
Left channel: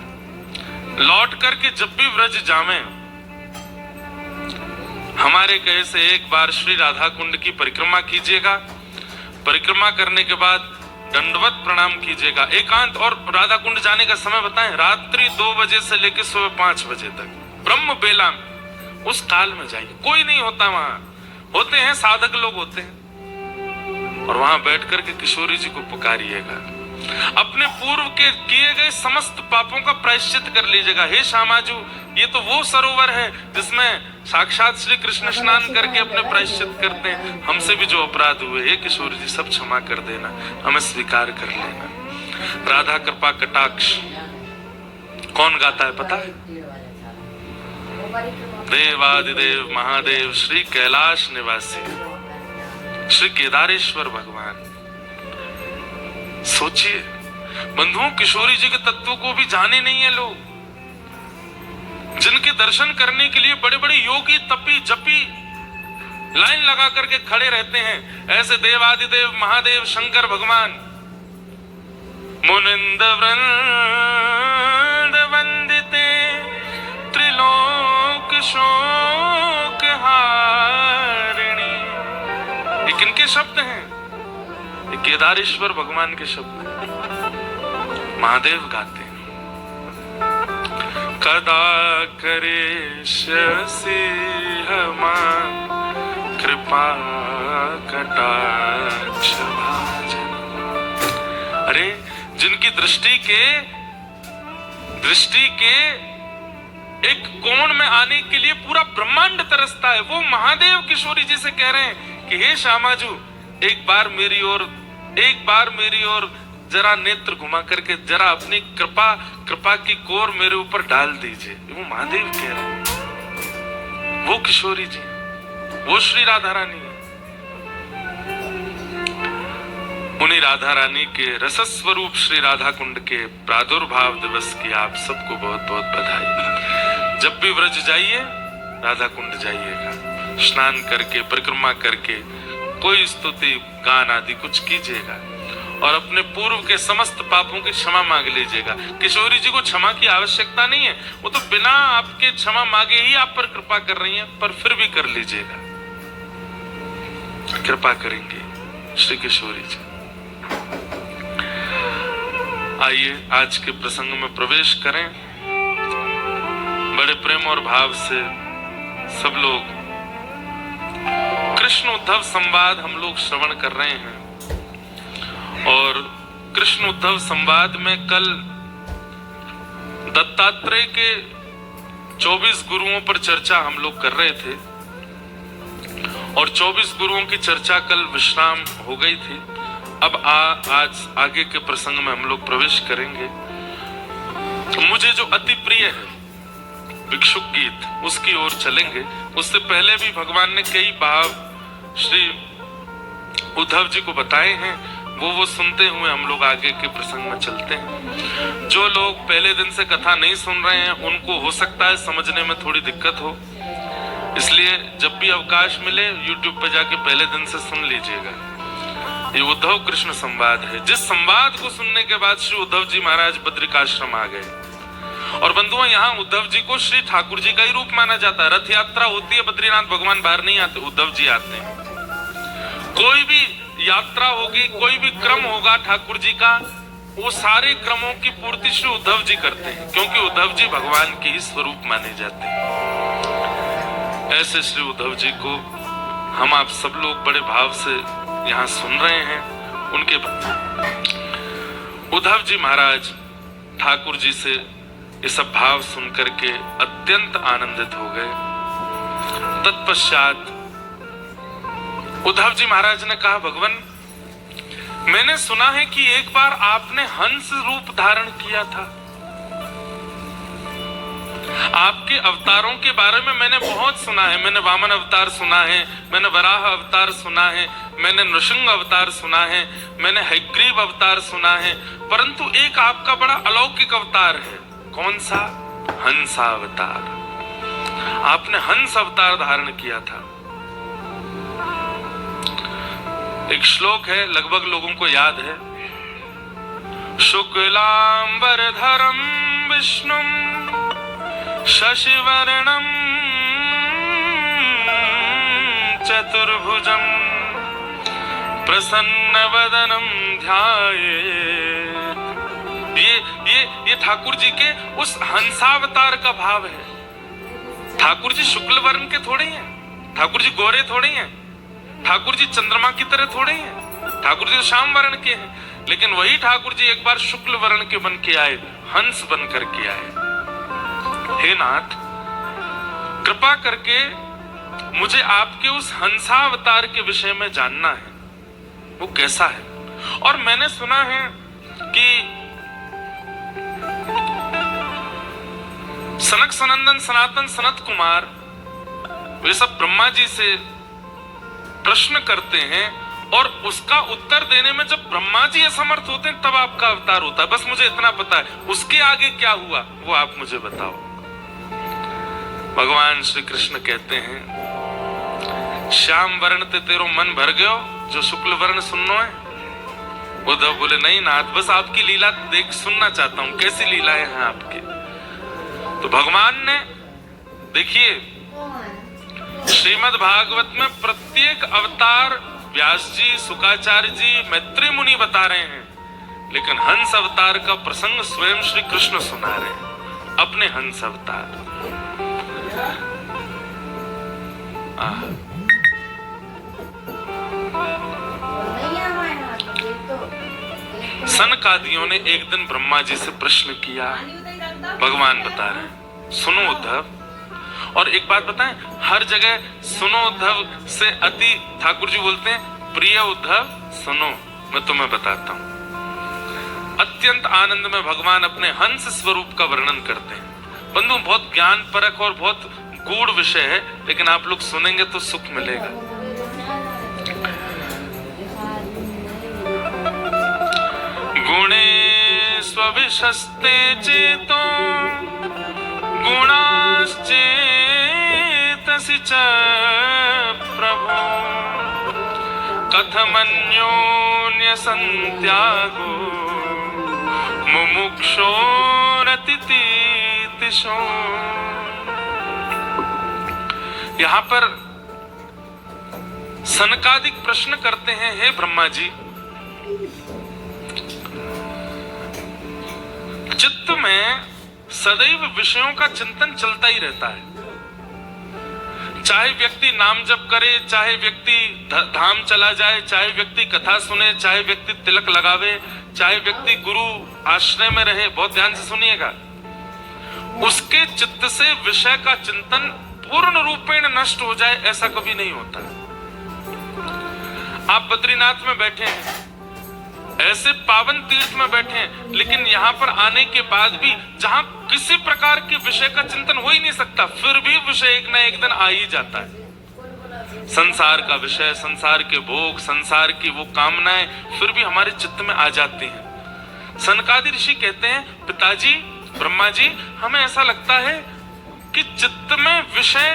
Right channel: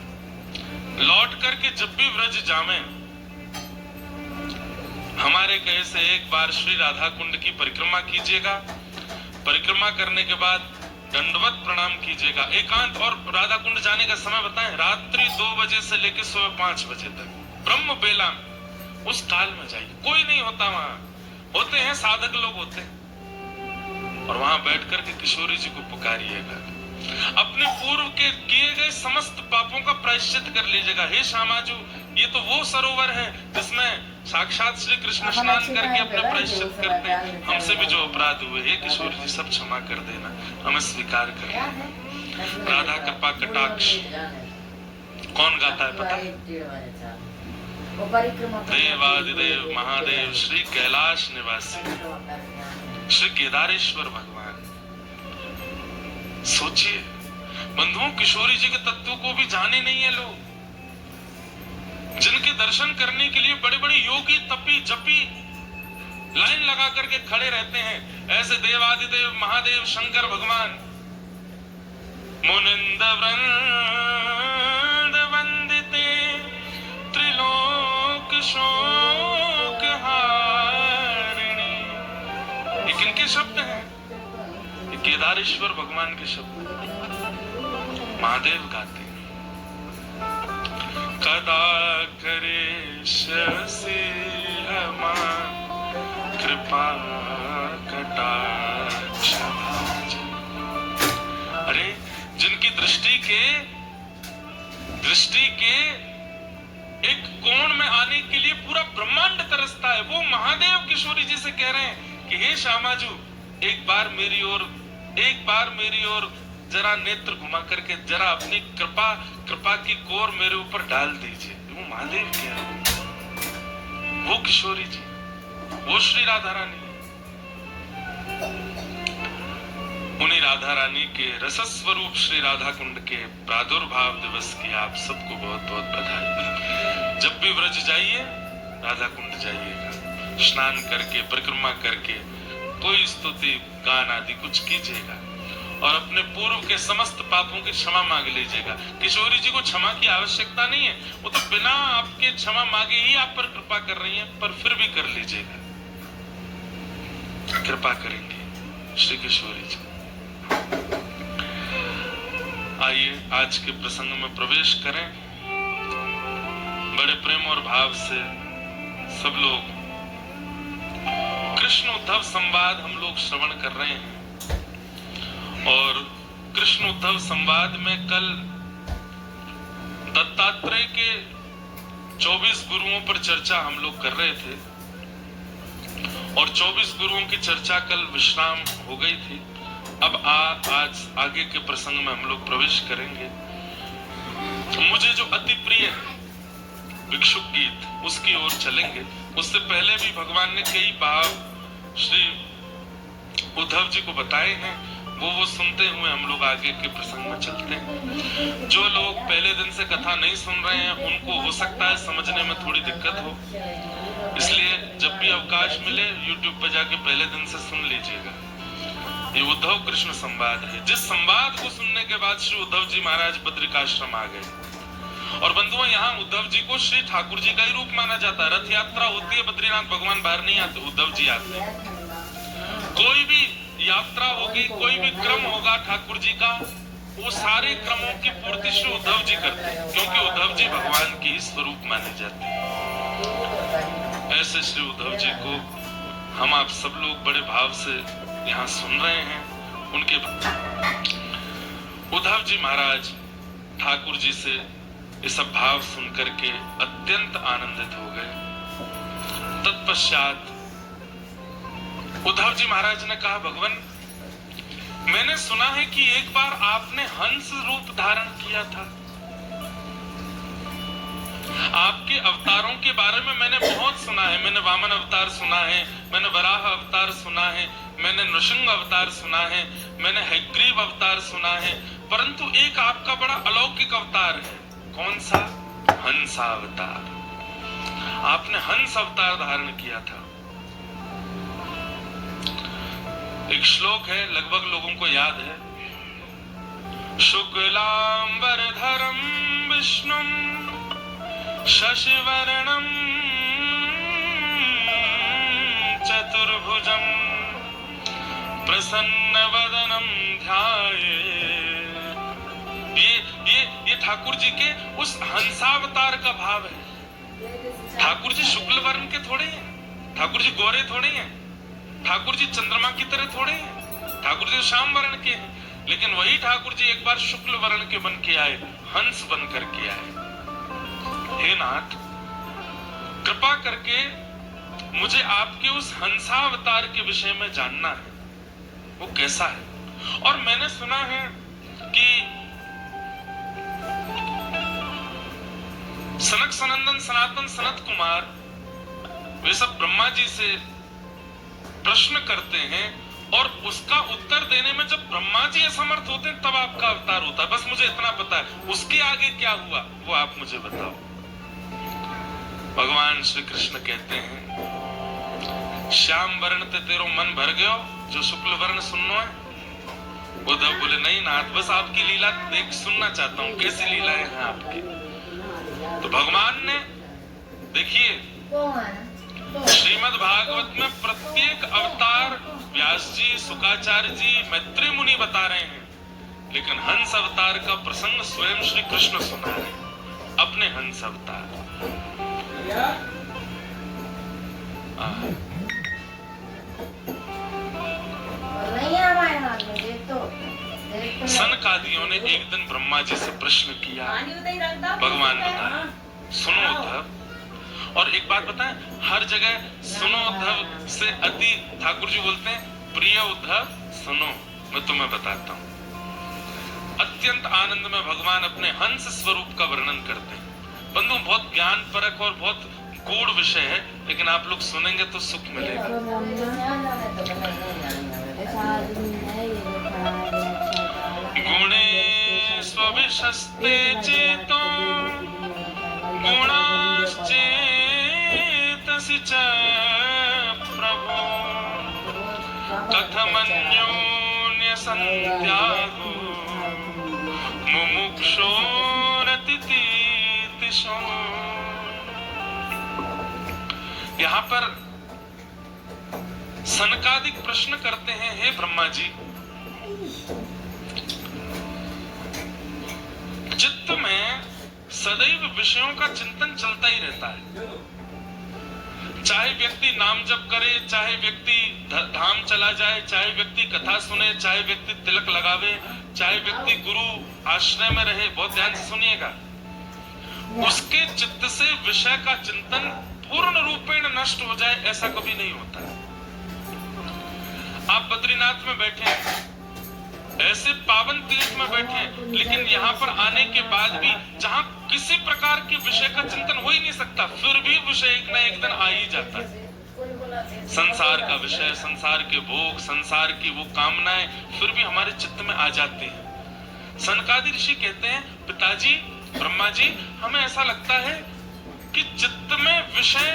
लौट करके जब भी व्रज जामे, हमारे कहे से एक बार श्री राधा कुंड की परिक्रमा कीजिएगा। परिक्रमा करने के बाद दंडवत प्रणाम कीजिएगा एकांत। और राधा कुंड जाने का समय बताएं, रात्रि 2 बजे से लेकर सुबह 5 बजे तक, ब्रह्म बेला में, उस काल में जाइए। कोई नहीं होता वहां, होते हैं साधक लोग होते हैं। और वहां बैठ करके किशोरी जी को पुकारिएगा, अपने पूर्व के किए गए समस्त पापों का प्रायश्चित कर लीजिएगा। हे श्यामाजू, ये तो वो सरोवर है जिसमें साक्षात श्री कृष्ण स्नान करके अपने प्रायश्चित करते हैं। हमसे भी जो अपराध हुए, हे किशोर जी, सब क्षमा कर देना, हमें स्वीकार कर लेना। राधा कृपा कटाक्ष कौन गाता है पता है? देवादिदेव महादेव श्री कैलाश निवासी श्री केदारेश्वर भगवान। सोचिए बंधुओं, किशोरी जी के तत्वों को भी जाने नहीं है लोग, जिनके दर्शन करने के लिए बड़े बड़े योगी तपी जपी लाइन लगा करके खड़े रहते हैं। ऐसे देवादिदेव महादेव शंकर भगवान मुनिंद वृंद वंदिते त्रिलोक शोक हारिणी। ये किनके शब्द हैं? ये केदारेश्वर भगवान के शब्द हैं। महादेव गाते हैं, कदा करे शशि हमान कृपा कटाक्ष भाजन। अरे जिनकी दृष्टि के एक कोण में आने के लिए पूरा ब्रह्मांड तरसता है, वो महादेव किशोरी जी से कह रहे हैं कि हे श्यामाजू एक बार मेरी ओर जरा नेत्र घुमा करके जरा अपनी कृपा की कोर मेरे ऊपर डाल दीजिए। वो महादेव कह रहे हैं, वो किशोरी जी, वो श्री राधा रानी। उन्हीं राधा रानी के रसस्वरूप श्री राधा कुंड के प्रादुर्भाव दिवस की आप सबको बहुत बहुत बधाई। जब भी व्रज जाइए राधा कुंड जाइएगा, स्नान करके परिक्रमा करके कोई स्तुति गान आदि कुछ कीजिएगा और अपने पूर्व के समस्त पापों की क्षमा मांग लीजिएगा। किशोरी जी को क्षमा की आवश्यकता नहीं है, वो तो बिना आपके क्षमा मांगे ही आप पर कृपा कर रही हैं, पर फिर भी कर लीजिएगा, कृपा करेंगे श्री किशोरी जी। आइए आज के प्रसंग में प्रवेश करें। बड़े प्रेम और भाव से सब लोग कृष्ण उद्धव संवाद हम लोग श्रवण कर रहे हैं और कृष्ण उद्धव संवाद में कल दत्तात्रेय के 24 गुरुओं पर चर्चा हम लोग कर रहे थे और 24 गुरुओं की चर्चा कल विश्राम हो गई थी। अब आज आगे के प्रसंग में हम लोग प्रवेश करेंगे। मुझे जो अति प्रिय है भिक्षुक गीत, उसकी ओर चलेंगे। उससे पहले भी भगवान ने कई भाव श्री उद्धव जी को बताए हैं, वो सुनते हुए हम लोग आगे के प्रसंग में चलते हैं। जो लोग पहले दिन से कथा नहीं सुन रहे हैं उनको हो सकता है समझने में थोड़ी दिक्कत हो, इसलिए जब भी अवकाश मिले YouTube पे जाके पहले दिन से सुन लीजिएगा। ये उद्धव कृष्ण संवाद है, जिस संवाद को सुनने के बाद श्री उद्धव जी महाराज बद्रिकाश्रम आ गए। और बंधुओं, यहाँ उद्धव जी को श्री ठाकुर जी का ही रूप माना जाता है। रथ यात्रा होती है, बद्रीनाथ भगवान बाहर नहीं आते, उद्धव जी आते हैं। कोई भी यात्रा होगी, कोई भी क्रम होगा ठाकुर जी का, वो सारे क्रमों की पूर्ति श्री उद्धव जी करते हैं, क्योंकि उद्धव जी भगवान के ही स्वरूप माने जाते हैं। ऐसे श्री उद्धव जी को हम आप सब लोग बड़े भाव से यहाँ सुन रहे हैं। उनके उद्धव जी महाराज ठाकुर जी से ये सब भाव सुन करके अत्यंत आनंदित हो गए। तत्पश्चात उद्धव जी महाराज ने कहा, भगवान मैंने सुना है कि एक बार आपने हंस रूप धारण किया था। आपके अवतारों के बारे में मैंने बहुत सुना है। मैंने वामन अवतार सुना है, मैंने वराह अवतार सुना है, मैंने नृसिंह अवतार सुना है, मैंने हयग्रीव अवतार सुना है, परंतु एक आपका बड़ा अलौकिक अवतार है। कौन सा? हंसा अवतार। आपने हंस अवतार धारण किया था। एक श्लोक है, लगभग लोगों को याद है, शुक्लांबरधरम विष्णुम शशिवर्णम चतुर्भुजम प्रसन्नवदनम ध्यायेत्। ये ठाकुर जी के उस हंसावतार का भाव है। ठाकुर जी शुक्ल वर्ण के थोड़े हैं, ठाकुर जी गोरे थोड़े हैं, ठाकुर जी चंद्रमा की तरह थोड़े हैं, ठाकुर जी श्याम वर्ण के हैं। लेकिन वही ठाकुर जी एक बार शुक्ल वर्ण के बन के आए, हंस बन करके आए। हे नाथ, कृपा करके मुझे आपके उस हंसावतार के विषय में जानना है, वो कैसा है। और मैंने सुना है कि सनक सनंदन सनातन सनत कुमार वे सब ब्रह्मा जी से प्रश्न करते हैं और उसका उत्तर देने में जब ब्रह्मा जी असमर्थ होते हैं तब आपका अवतार होता है। बस मुझे इतना पता है, उसके आगे क्या हुआ वो आप मुझे बताओ। भगवान श्री कृष्ण कहते हैं, श्याम वर्ण ते तेरो मन भर गयो, जो शुक्ल वर्ण सुननो है। उद्धव बोले, नहीं नाथ, बस आपकी लीला देख सुनना चाहता हूँ, कैसी लीलाएं हैं आपकी। तो भगवान ने, देखिए श्रीमद् भागवत में प्रत्येक अवतार व्यास जी, शुकाचार्य जी, मैत्री मुनि बता रहे हैं, लेकिन हंस अवतार का प्रसंग स्वयं श्री कृष्ण सुना रहे हैं। अपने हंस अवतार। सनकादियों ने एक दिन ब्रह्मा जी से प्रश्न किया। भगवान बता रहे, सुनो उद्धव, और एक बात बताएं, हर जगह सुनो उद्धव से अति ठाकुर जी बोलते हैं प्रिय उद्धव सुनो, मैं तुम्हें बताता हूं। अत्यंत आनंद में भगवान अपने हंस स्वरूप का वर्णन करते हैं। बंधु, बहुत ज्ञान परक और बहुत गूढ़ विषय है, लेकिन आप लोग सुनेंगे तो सुख मिलेगा। गुणे स्वविशस्ते चेतो गुणाश्चेतसि च प्रभो कथमन्योन्य संत्यागो मुमुक्षोरतितितिशो। यहाँ पर सनकादिक प्रश्न करते हैं, हे ब्रह्मा जी, चित्त में सदैव विषयों का चिंतन चलता ही रहता है। चाहे व्यक्ति नाम जप करे, चाहे व्यक्ति धाम चला जाए, चाहे व्यक्ति कथा सुने, चाहे व्यक्ति तिलक लगावे, चाहे व्यक्ति गुरु आश्रय में रहे, बहुत ध्यान से सुनिएगा, उसके चित्त से विषय का चिंतन पूर्ण रूपेण नष्ट हो जाए ऐसा कभी नहीं होता। आप बद्रीनाथ में बैठे, ऐसे पावन तीर्थ में बैठे, लेकिन यहाँ पर आने के बाद भी जहाँ किसी प्रकार के विषय का चिंतन हो ही नहीं सकता, फिर भी विषय एक न एक दिन आ ही जाता है। संसार का विषय, संसार के भोग, संसार की वो कामनाएं फिर भी हमारे चित्त में आ जाती हैं। सनकादि ऋषि कहते हैं, पिताजी, ब्रह्मा जी, हमें ऐसा लगता है कि चित्त में विषय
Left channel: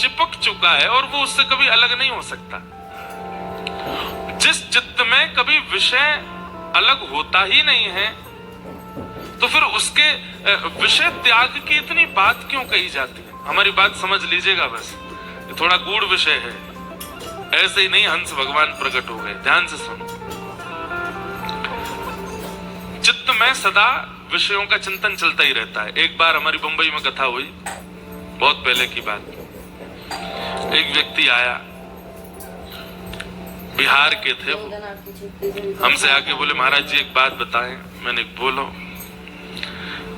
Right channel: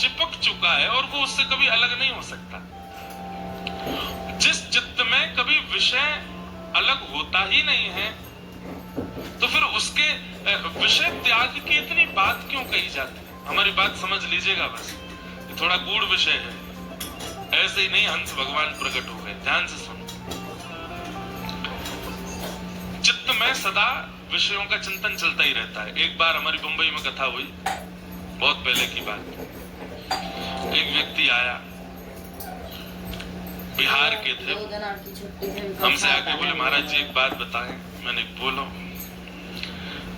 चिपक चुका है और वो उससे कभी अलग नहीं हो सकता। जिस चित्त में कभी विषय अलग होता ही नहीं है, तो फिर उसके विषय त्याग की इतनी बात क्यों कही जाती है? हमारी बात समझ लीजिएगा, बस थोड़ा गूढ़ विषय है, ऐसे ही नहीं हंस भगवान प्रकट हो गए। ध्यान से सुनो। चित्त में सदा विषयों का चिंतन चलता ही रहता है। एक बार हमारी बंबई में कथा हुई, बहुत पहले की बात। एक व्यक्ति आया, बिहार के थे, हमसे आके बोले, महाराज जी एक बात बताएं। मैंने बोलो।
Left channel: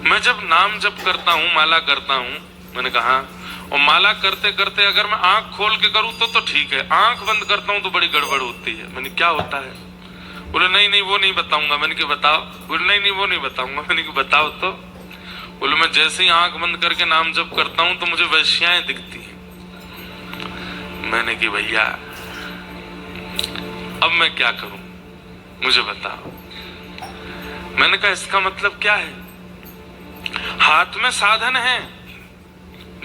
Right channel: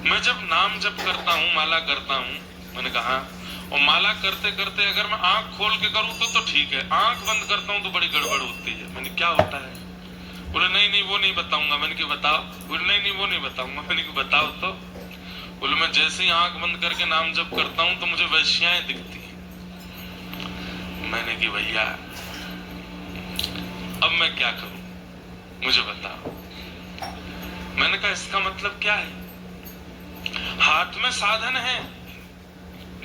मैं जब नाम जप करता हूँ, माला करता हूँ, मैंने कहा, और माला करते करते अगर मैं आंख खोल के करूँ तो ठीक है, आंख बंद करता हूँ तो बड़ी गड़बड़ होती है। मैंने क्या होता है? बोले नहीं नहीं वो नहीं बताऊंगा। मैंने कहा बताओ। बोले नहीं नहीं वो नहीं बताऊंगा। मैंने कहा बताओ तो। बोले मैं जैसे ही आंख बंद करके नाम जप करता हूँ तो मुझे वैश्याएं दिखती हैं। मैंने कहा भैया अब मैं क्या करूं, मुझे बताओ। मैंने कहा इसका मतलब क्या है? हाथ में साधन है,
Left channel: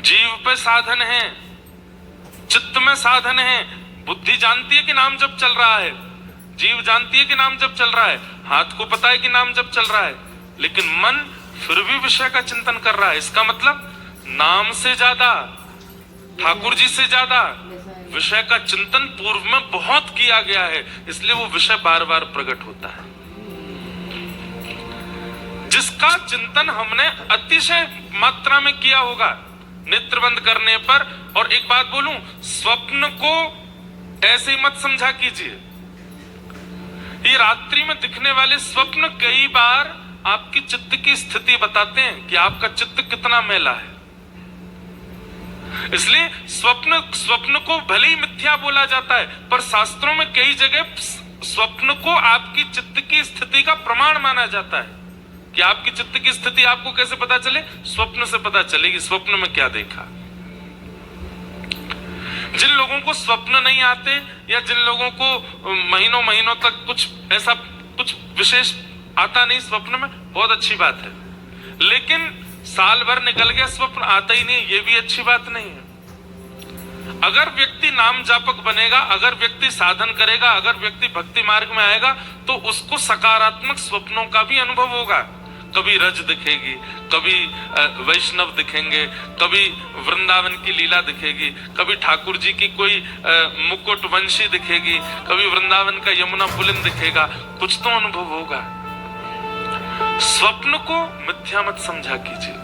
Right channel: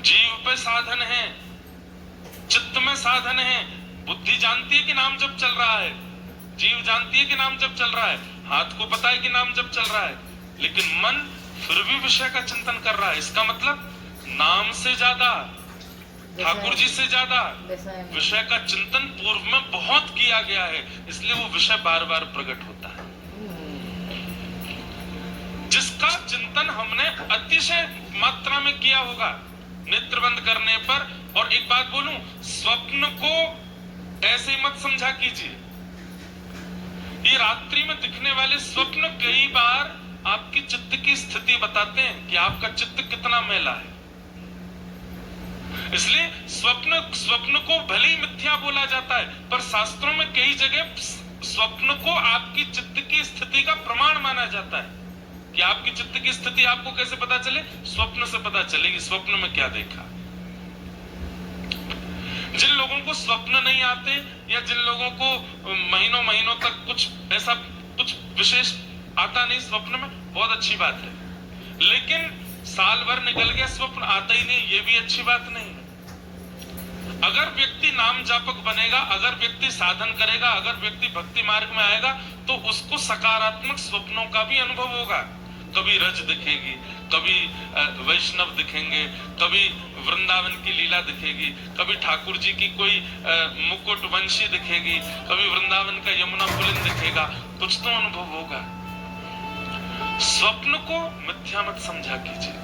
जीव पे साधन है, चित्त में साधन है। बुद्धि जानती है कि नाम जप चल रहा है, जीव जानती है कि नाम जप चल रहा है, हाथ को पता है कि नाम जप चल रहा है, लेकिन मन फिर भी विषय का चिंतन कर रहा है। इसका मतलब नाम से ज्यादा, ठाकुर जी से ज्यादा विषय का चिंतन पूर्व में बहुत किया गया है, इसलिए वो विषय बार बार प्रकट होता है। जिसका चिंतन हमने अतिशय मात्रा में किया होगा नेत्र बंद करने पर। और एक बात बोलूं, स्वप्न को ऐसे ही मत समझा कीजिए। ये रात्रि में दिखने वाले स्वप्न कई बार आपकी चित्त की स्थिति बताते हैं कि आपका चित्त कितना मैला है। इसलिए स्वप्न को भले ही मिथ्या बोला जाता है, पर शास्त्रों में कई जगह स्वप्न को आपकी चित्त की स्थिति का प्रमाण माना जाता है कि आपकी चित्त की स्थिति आपको कैसे पता चले? स्वप्न से पता चलेगी, स्वप्न में क्या देखा। जिन लोगों को स्वप्न नहीं आते या जिन लोगों को महीनों महीनों तक कुछ ऐसा कुछ विशेष आता नहीं स्वप्न में, बहुत अच्छी बात है। लेकिन साल भर निकल गया स्वप्न आता ही नहीं, ये भी अच्छी बात नहीं है। अगर व्यक्ति नाम जापक बनेगा, अगर व्यक्ति साधन करेगा, अगर व्यक्ति भक्ति मार्ग में आएगा, तो उसको सकारात्मक स्वप्नों का भी अनुभव होगा। कभी रज दिखेगी, कभी वैष्णव दिखेंगे, कभी वृंदावन की लीला दिखेगी, कभी ठाकुर जी की कोई मुकुट वंशी दिखेगी, कभी वृंदावन का यमुना पुलिन दिखेगा, कुछ तो अनुभव होगा। स्वप्न को मिथ्या मत समझा कीजिए।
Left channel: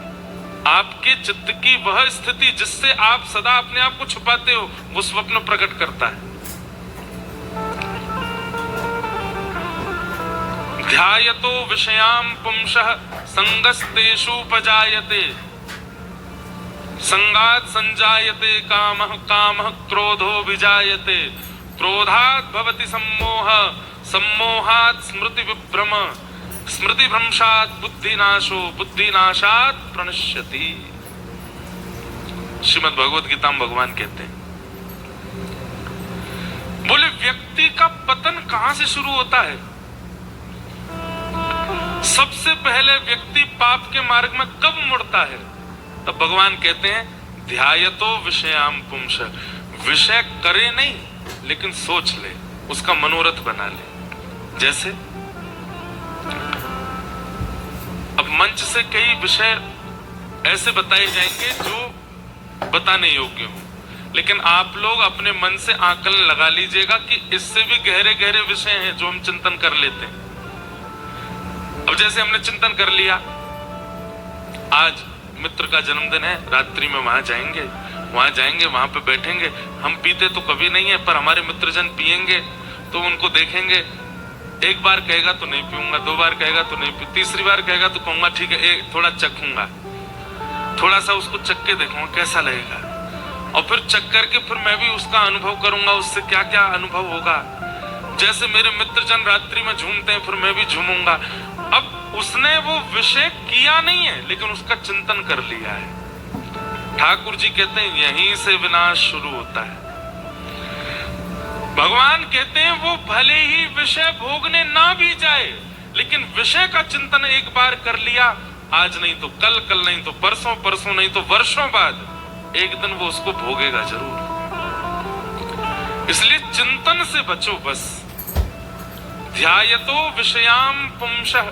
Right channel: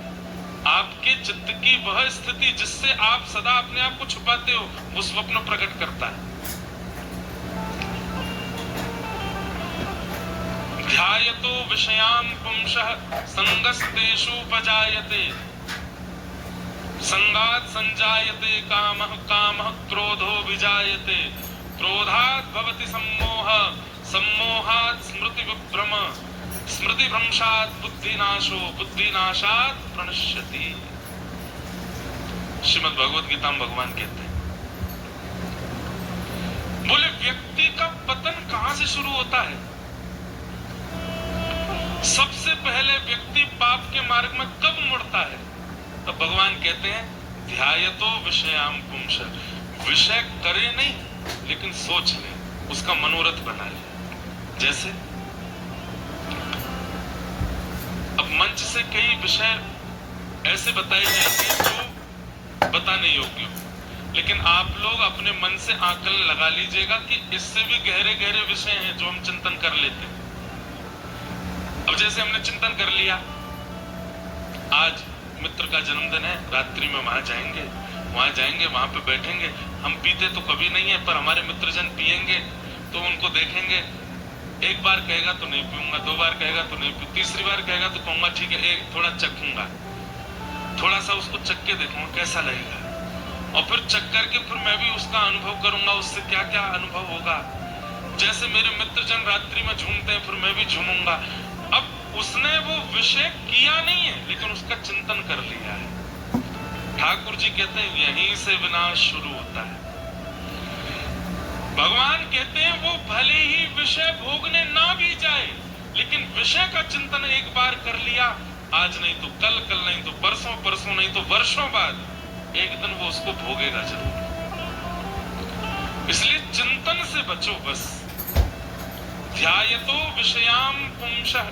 आपके चित्त की वह स्थिति जिससे आप सदा अपने आप को छुपाते हो, वो स्वप्न प्रकट करता है। ध्यायतो विषयाम पुंसः संगस्तेषुपजायते, संगात् संजायते कामः, कामः क्रोधो विजायते, क्रोधात् भवति सम्मोहः, सम्मोहात् स्मृति विभ्रम, स्मृति भ्रंशात् बुद्धिनाशो, बुद्धिनाशात् प्रणश्यति। श्रीमद् भगवद गीता में भगवान कहते हैं, बोले व्यक्ति का पतन कहां से शुरू होता है? सबसे पहले व्यक्ति पाप के मार्ग में कब मुड़ता है? तब भगवान कहते हैं ध्यायतो विषयाम पुंसः, विषय करे नहीं लेकिन सोच ले, उसका मनोरथ बना ले। जैसे अब मंच से कई विषय ऐसे बताए जाएंगे जो बताने योग्य हो, लेकिन आप लोग अपने मन से आकलन लगा लीजिएगा कि इससे भी गहरे गहरे विषय हैं जो हम चिंतन कर लेते हैं। अब जैसे हमने चिंतन कर लिया, आज मित्र का जन्मदिन है, रात्रि में वहां जाएंगे, वहां पे बैठेंगे। हम पीते तो कभी नहीं है, पर हमारे मित्रजन पिएंगे तो उनको देखेंगे, एक बार कहेगा तो नहीं पीऊंगा, दो बार कहेगा तो नहीं, तीसरी बार कहेगा तो कहूंगा ठीक है, थोड़ा चखूंगा, थोड़ा सा उसको चख के देखूंगा कैसा लगेगा, और फिर चख करके फिर मैं भी उसका अनुभव करूंगा, उससे क्या क्या अनुभव होगा। जैसे मेरे मित्रजन रात्रि में झूमते हैं, फिर मैं भी झूमूंगा। अब उसने वो विषय किया नहीं है, लेकिन उसका चिंतन कर लिया है। ठाकुर जी कहते हैं यहीं से विनाश शुरू होता है। भगवान कहते हैं वो भले ही विषय भोगने ना भी जाए, लेकिन विषय का चिंतन एक बार कर लिया, आज नहीं तो कल, कल नहीं तो परसों, परसों नहीं तो वर्षों बाद एक दिन वो उसको भोगेगा जरूर। इसलिए चिंतन से बचो बस। ध्यायतो विषयाम पुंसः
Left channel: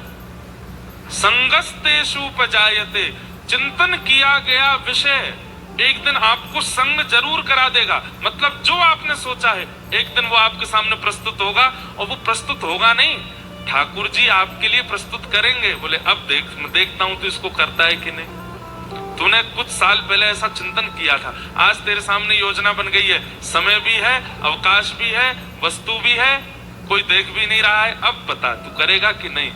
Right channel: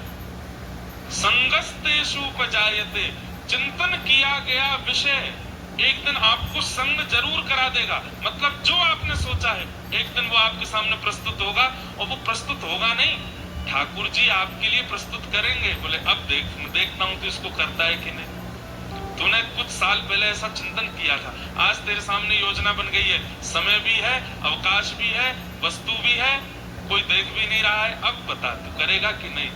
संगस्तेषुपजायते, चिंतन किया गया विषय एक दिन आपको संग जरूर करा देगा। मतलब जो आपने सोचा है एक दिन वो आपके सामने प्रस्तुत होगा, और वो प्रस्तुत होगा नहीं, ठाकुर जी आपके लिए प्रस्तुत करेंगे। बोले अब देखता हूं तो इसको करता है कि नहीं। तूने कुछ साल पहले ऐसा चिंतन किया था, आज तेरे सामने योजना बन गई है, समय भी है, अवकाश भी है, वस्तु भी है, कोई देख भी नहीं रहा है, अब बता तू करेगा कि नहीं।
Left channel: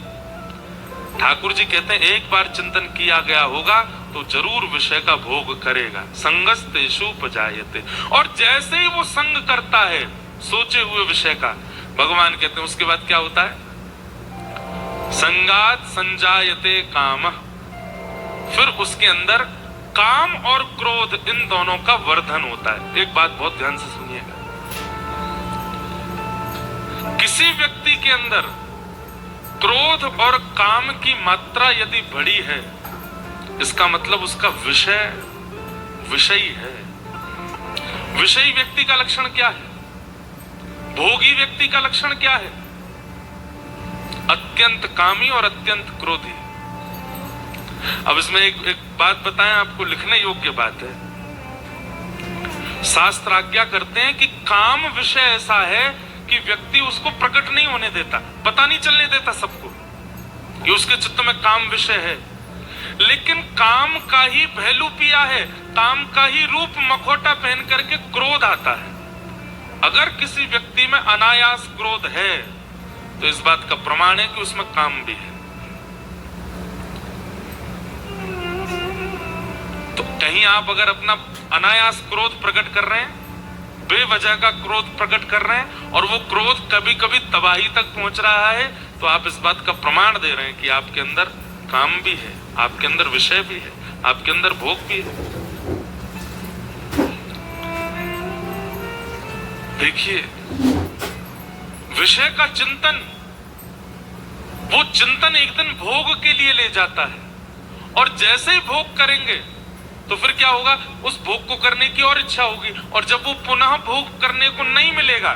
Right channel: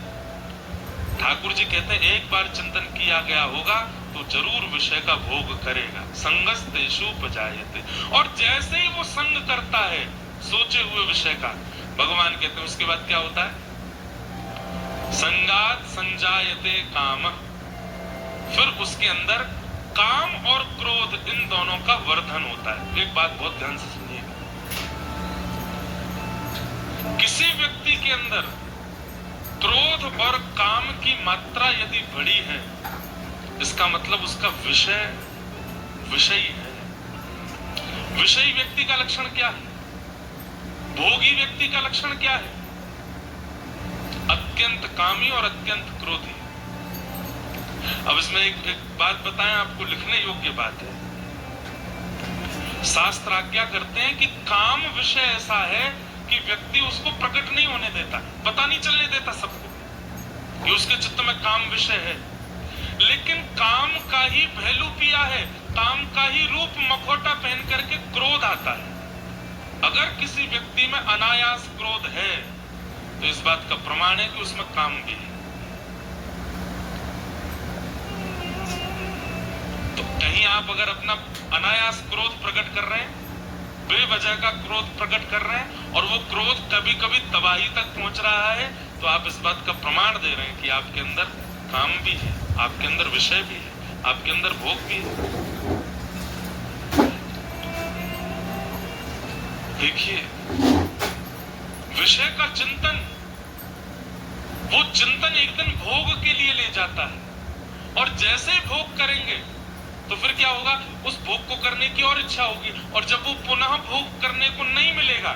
ठाकुर जी कहते हैं एक बार चिंतन किया गया होगा तो जरूर विषय का भोग करेगा। संगस्तेषुपजायते, और जैसे ही वो संग करता है सोचे हुए विषय का, भगवान कहते हैं उसके बाद क्या होता है? संगात संजायते कामः, फिर उसके अंदर काम और क्रोध इन दोनों का वर्धन होता है। एक बात बहुत ध्यान से सुनिएगा, किसी व्यक्ति के अंदर क्रोध और काम की मात्रा यदि बड़ी है, इसका मतलब उसका विषयी है। विषयी व्यक्ति का लक्षण क्या है? भोगी व्यक्ति का लक्षण क्या है? अत्यंत कामी और अत्यंत क्रोधी। अब इसमें एक बात बताएं, आपको लिखने योग्य बात है। शास्त्र आज्ञा करते हैं कि काम विषय ऐसा है कि व्यक्ति उसको प्रकट नहीं होने देता, पता नहीं चलने देता सबको कि उसके चित्त में काम विषय है, लेकिन काम का ही पहलू पिया है, काम का ही रूप मखौटा पहन करके क्रोध आता है। अगर किसी व्यक्ति में अनायास क्रोध है तो इस बात का प्रमाण है कि उसमें काम भी है। तो कहीं आप अगर अपना अनायास क्रोध प्रकट कर रहे हैं, बेवजह का क्रोध प्रकट कर रहे हैं, और वो क्रोध कभी कभी तबाही तक पहुंच रहा है, तो आप इस बात का प्रमाण दे रहे हैं कि आपके अंदर काम भी है, आपके अंदर विषय भी है, आपके अंदर भोग भी है। देखिए, विषय का चिंतन, वो चिंतन एक दिन भोग के लिए ले जाता है, और जैसे ही भोग करेंगे तो फिर क्या होगा? उस भोग को करने की और इच्छा होगी, और जब वो पुनः भोग करने को नहीं मिलेगा,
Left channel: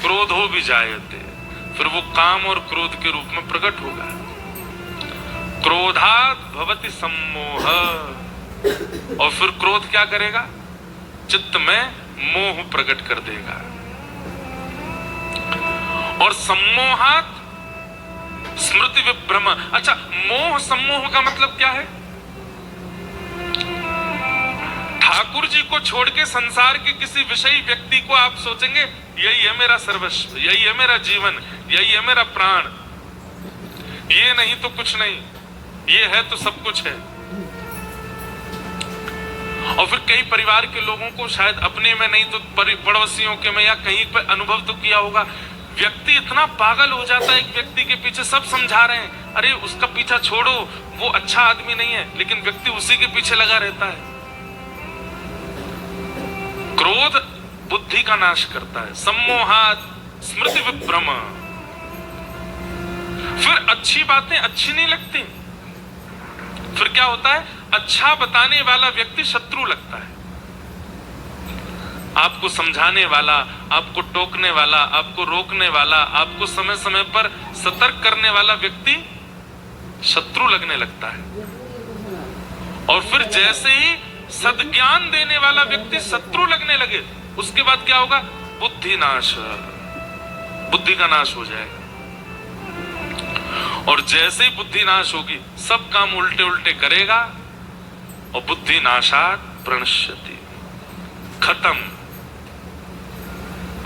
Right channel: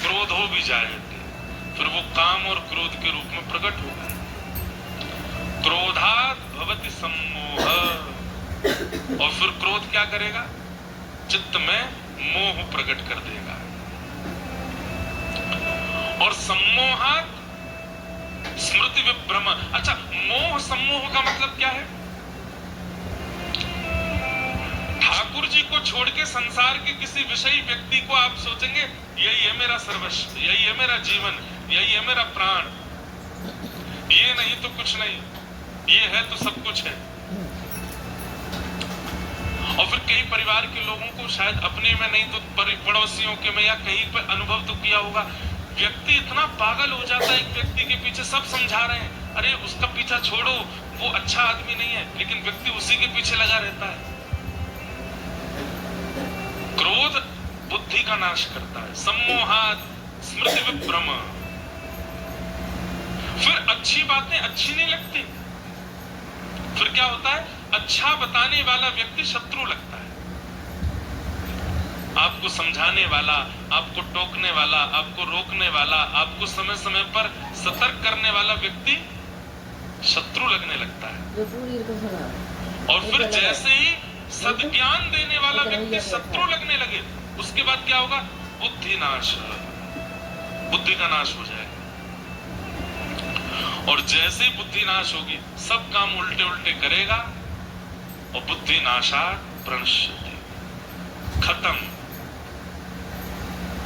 क्रोध हो भी जायते, फिर वो काम और क्रोध के रूप में प्रकट होगा। क्रोधात् भवति सम्मोह, और फिर क्रोध क्या करेगा? चित्त में मोह प्रकट कर देगा। और सम्मोहात् स्मृति विभ्रम। अच्छा, मोह सम्मोह का मतलब क्या है? ठाकुर जी को छोड़ के संसार के किसी विषयी व्यक्ति को आप सोचेंगे यही है मेरा सर्वस्व, यही है मेरा जीवन, यही है मेरा प्राण, ये नहीं तो कुछ नहीं, ये है तो सब कुछ है। और फिर कई परिवार के लोगों को शायद अपने में नहीं तो पड़ोसियों के में या कहीं पर अनुभव तो किया होगा, व्यक्ति इतना पागल हो जाता है एक व्यक्ति के पीछे, सब समझा रहे हैं अरे उसका पीछा छोड़ो वो अच्छा आदमी नहीं है, लेकिन व्यक्ति उसी के पीछे लगा रहता है। क्रोध बुद्धि का नाश करता है, सम्मोहात स्मृति विभ्रम। फिर अच्छी बातें अच्छी नहीं लगती, फिर क्या होता है, अच्छा बताने वाला व्यक्ति शत्रु लगता है, आपको समझाने वाला, आपको टोकने वाला, आपको रोकने वाला, आपको समय समय पर सतर्क करने वाला व्यक्ति शत्रु लगने लगता है। और फिर जैसे ही सद्ज्ञान देने वाला व्यक्ति शत्रु लगने लगे, उसके बाद क्या होगा, बुद्धि नाश, बुद्धि का नाश हो जाएगा। और जैसे ही बुद्धि नाश होगी सब काम उल्टे उल्टे करेगा और बुद्धि नाशात प्रणश्यति, खत्म,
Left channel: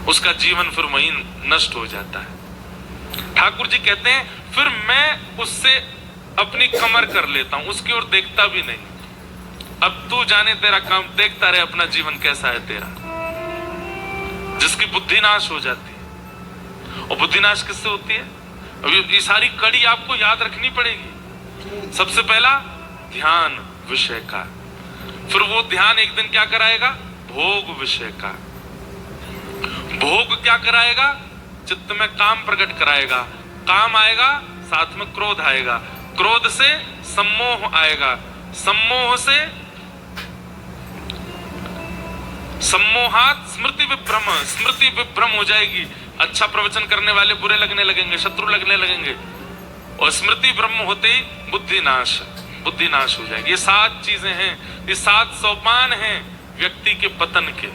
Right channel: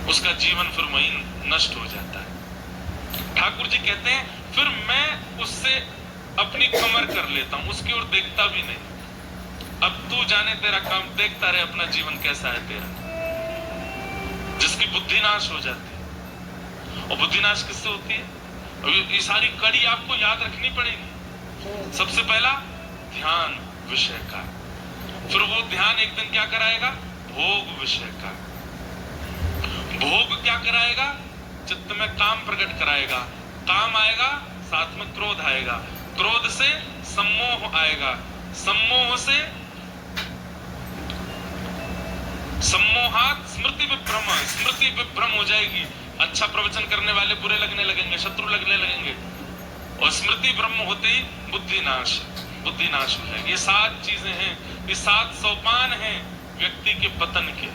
उसका जीवन फिर वहीं नष्ट हो जाता है। ठाकुर जी कहते हैं फिर मैं उससे अपनी कमर कर लेता हूं, उसकी ओर देखता भी नहीं, अब तू जाने तेरा काम, देखता रहे अपना जीवन कैसा है तेरा। जिसकी बुद्धि नाश हो जाती है, और बुद्धि नाश किससे होती है, ये सारी कड़ी आपको याद रखनी पड़ेगी। सबसे पहला ध्यान विषय का, फिर वो ध्यान एक दिन क्या कराएगा, भोग विषय का, भोग क्या कराएगा, चित्त में काम प्रकट कराएगा, काम आएगा साथ में क्रोध आएगा, क्रोध से सम्मोह आएगा, सम्मोह से सम्मोहात स्मृति विभ्रम, स्मृति विभ्रम हो जाएगी, अच्छा प्रवचन करने वाले बुरे लगने लगेंगे, शत्रु लगने लगेंगे, और स्मृति ब्रह्म होते ही बुद्धि नाश, बुद्धि नाश हो जाएगी। ये 7 चीजें हैं, ये 7 सोपान हैं व्यक्ति के पतन के।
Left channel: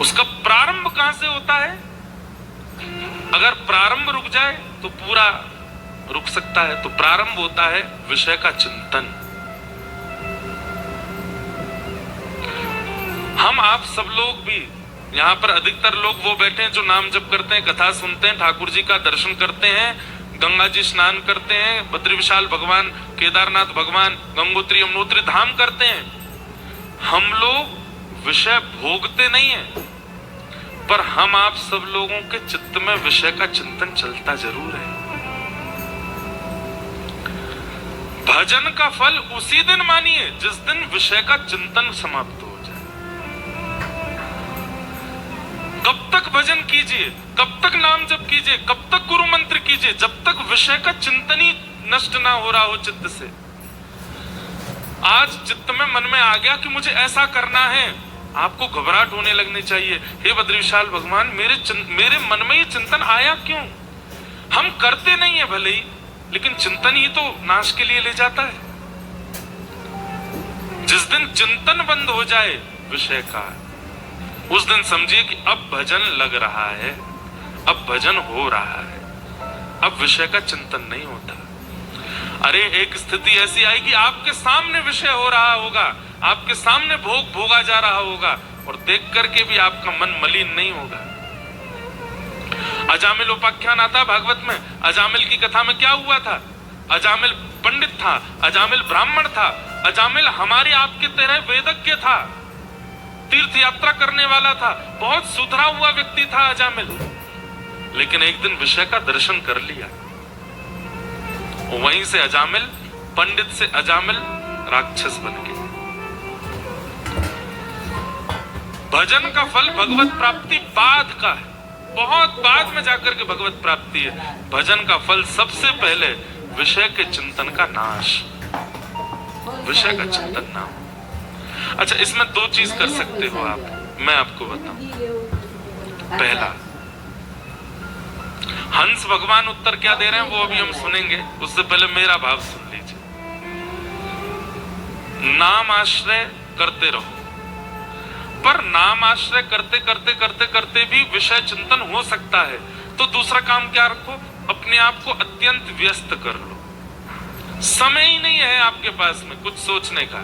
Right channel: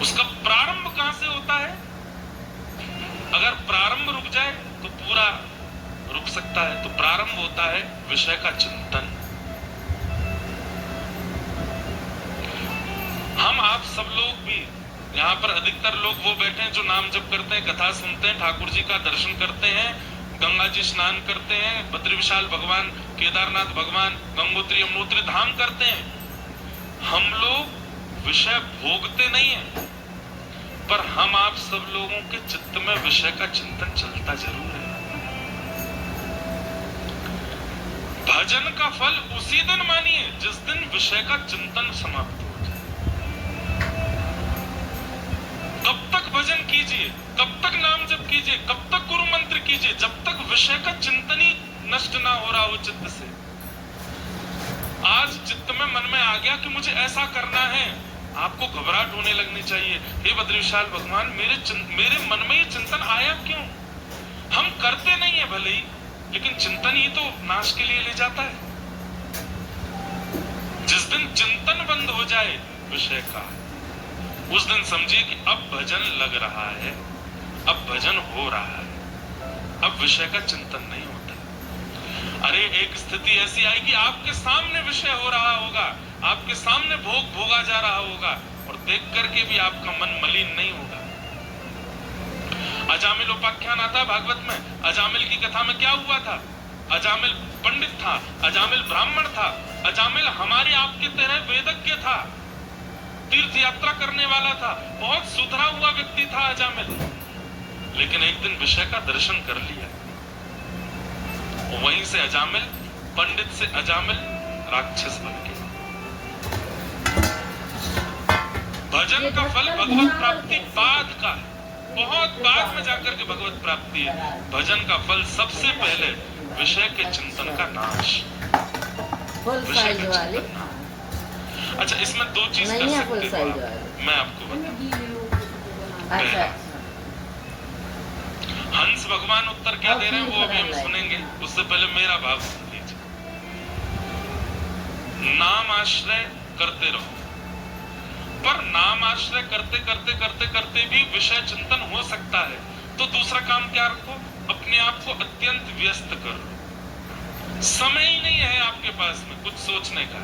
उसका प्रारंभ कहां से होता है, अगर प्रारंभ रुक जाए तो पूरा रुक सकता है। तो प्रारंभ होता है विषय का चिंतन। हम आप सब लोग भी यहाँ पर अधिकतर लोग वो बैठे हैं जो नाम जप करते हैं, कथा सुनते हैं, ठाकुर जी का दर्शन करते हैं, गंगा जी स्नान करते हैं, बद्री विशाल भगवान, केदारनाथ भगवान, गंगोत्री यमुनोत्री धाम करते हैं। हम लोग विषय भोगते नहीं है, पर हम आप सब लोगों के चित्त में विषय का चिंतन चलता जरूर है। भजन का फल उसी दिन मानिए जिस दिन विषय का चिंतन समाप्त हो जाए। कब तक भजन कीजिए, कब तक नाम जप कीजिए, कब तक गुरु मंत्र कीजिए, जब तक विषय का चिंतन ही नष्ट ना हो रहा हो चित्त से। आज चित्त में मन में आ गया कि मुझे ऐसा करना है, आपको घबराहट होने लगनी चाहिए, हे बद्री विशाल भगवान मेरे मन में ये चिंतन आया क्यों। हम करते नहीं है भले ही, लेकिन चिंतन ही तो नाश के लिए ले जाता है। जिस दिन चिंतन बंद हो जाए विषय का, उस दिन समझिए कि अब भजन लग रहा है, अब भजन हो रहा है, अब विषय का चिंतन नहीं होता। अरे एक स्थिति ऐसी आएगी, आपके सामने विषय हो रहा होगा, आपके सामने भोग भोगा जा रहा होगा, और देख करके भी आपका मन मलिन नहीं होगा। अजामिल उपाख्यान आता भागवत में, अजामिल की कथा में क्या हुआ था, अजामिल पंडित था, अजामिल ब्राह्मण था, अजामिल हमारे आपके तरह वेदज्ञ था, तीर्थ यात्रा करने वाला था, बहुत सुधरा हुआ व्यक्ति था अजामिल। लेकिन एक दिन विषय का दर्शन कर लिया, वहीं से अजामिल, पंडित से अजामिल राक्षस बन गया। भजन का फल भगवत प्राप्ति बाद का है, बहुत बाद में जाकर के भगवत प्राप्ति है। भजन का फल सबसे पहले विषय के चिंतन का नाश, विषय का चिंतन ना। अच्छा, इसमें 2 चीज कर सकते हो आप, मैं आपको बताऊं। पहला, हंस भगवान उत्तर क्या दे रहे हैं वो अभी हम सुनेंगे, उससे पहले मेरा भाव सुन लीजिए। नाम आश्रय करते रहो, पर नाम आश्रय करते करते करते करते भी विषय चिंतन हो सकता है, तो दूसरा काम क्या रखो, अपने आप को अत्यंत व्यस्त कर लो। समय ही नहीं है आपके पास में कुछ सोचने का।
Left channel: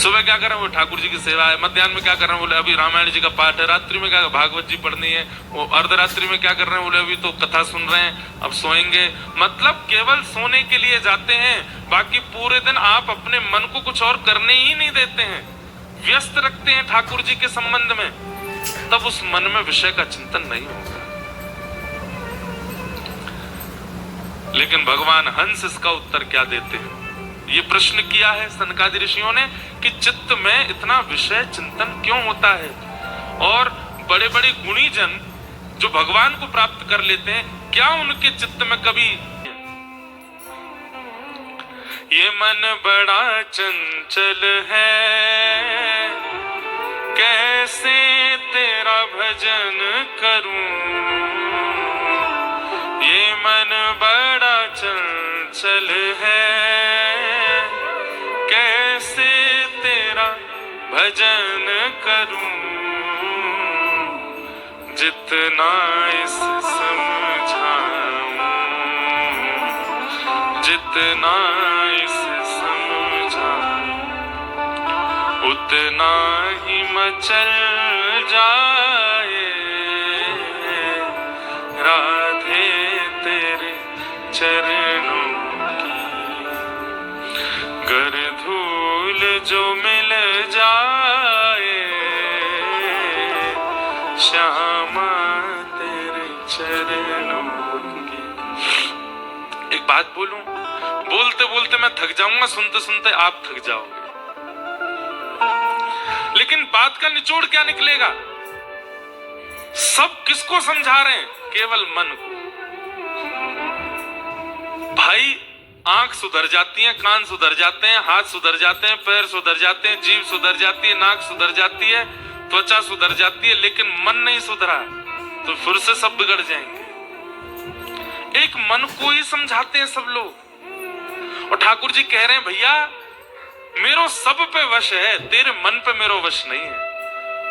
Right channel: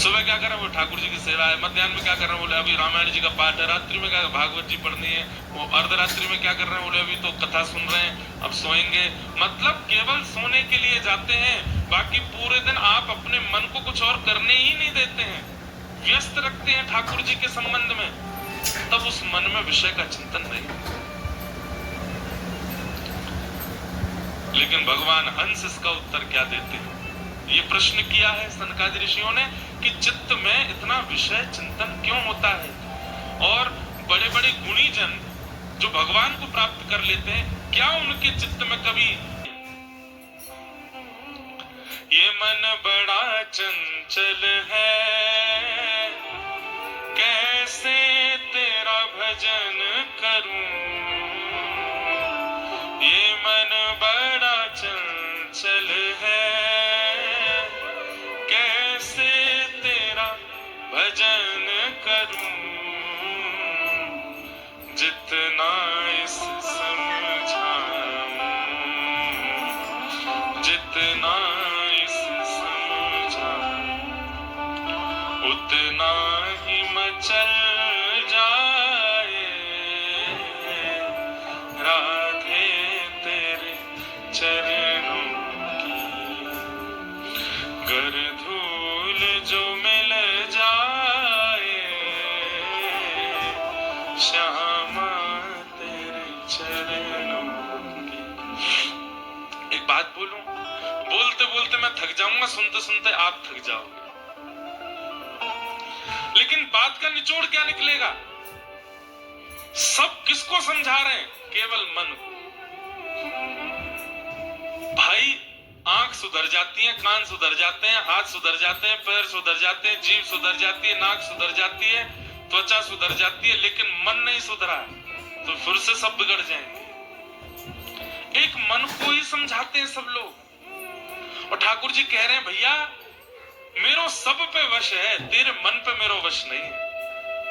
सुबह क्या कर रहे हैं, वो ठाकुर जी की सेवा है। मध्याह्न में क्या कर रहे हैं, बोले अभी रामायण जी का पाठ है। रात्रि में क्या, भागवत जी पढ़नी है। वो अर्धरात्रि में क्या कर रहे हैं, बोले अभी तो कथा सुन रहे हैं, अब सोएंगे। मतलब केवल सोने के लिए जाते हैं, बाकी पूरे दिन आप अपने मन को कुछ और करने ही नहीं देते हैं, व्यस्त रखते हैं ठाकुर जी के संबंध में। तब उस मन में विषय का चिंतन नहीं होगा। लेकिन भगवान हंस इसका उत्तर क्या देते हैं? ये प्रश्न किया है सनकादि ऋषियों ने कि चित्त में इतना विषय चिंतन क्यों होता है, और बड़े बड़े गुणी जन जो भगवान को प्राप्त कर लेते हैं, क्या उनके चित्त में कभी ये मन बड़ा चंचल है, कैसे तेरा भजन करूं, ये मन बड़ा चंचल है, कैसे तेरा भजन करूं, जितना इस समझाऊं, जितना इस समझाऊं, उतना ही मचल जाए राधे तेरे चरणों की। गर धूल जो मिल जाए श्यामा तेरे चरणों की। एक बात बोलूं, बोलते बोलते मैं थक जाऊंगा, सुनते सुनते आप थक जाओगे, लेकिन बात का निचोड़ क्या निकलेगा? सब किसको समझा रहे हैं? केवल मन को। भाई आंख सुधर जाती है, कान सुधर जाते हैं, हाथ सुधर जाते हैं, पैर सुधर जाते हैं, जीभ सुधर जाती है, नाक सुधर जाती है, त्वचा सुधर जाती है, लेकिन मन नहीं सुधरा तो फिर से सब बिगड़ जाएंगे। एक मन को ही समझाते हैं सब लोग। और ठाकुर जी कह रहे हैं भैया मेरो सब पे वश है, तेरे मन पे मेरो वश नहीं है।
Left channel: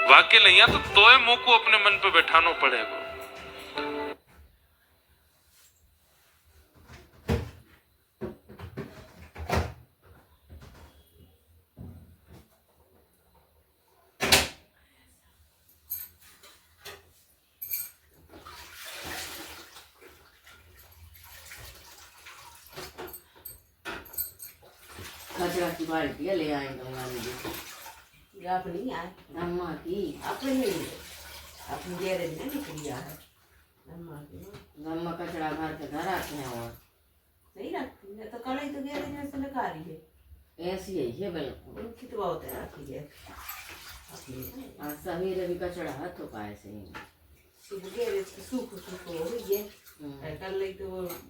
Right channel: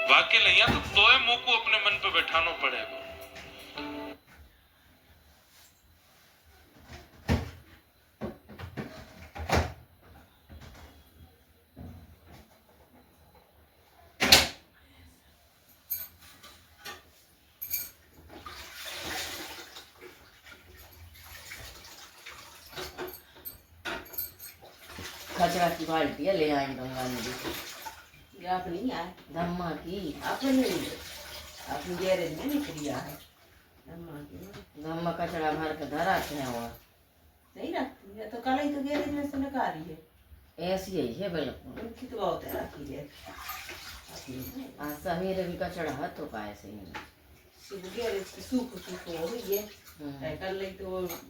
वाक्य नहीं है तो तोय मुंह को अपने मन पे बैठाना पड़ेगा। कचरा की बाल्टियाँ ले आई मुझे। आप नहीं आए? धम्मा की अपने गैरेज में निकल गया है। धम्मा कचरा भर के धरा के हुआ सही रखती है तो कल ही तो गैरेज में से निकाल रही है। ऐसी ही है बिल्कुल। उनकी तो बहुत है रखी है। आज सवेरे भी कचरा हाथों का ऐसे ही सुबह गैरेज की सूख हो गई है। कल नहीं तो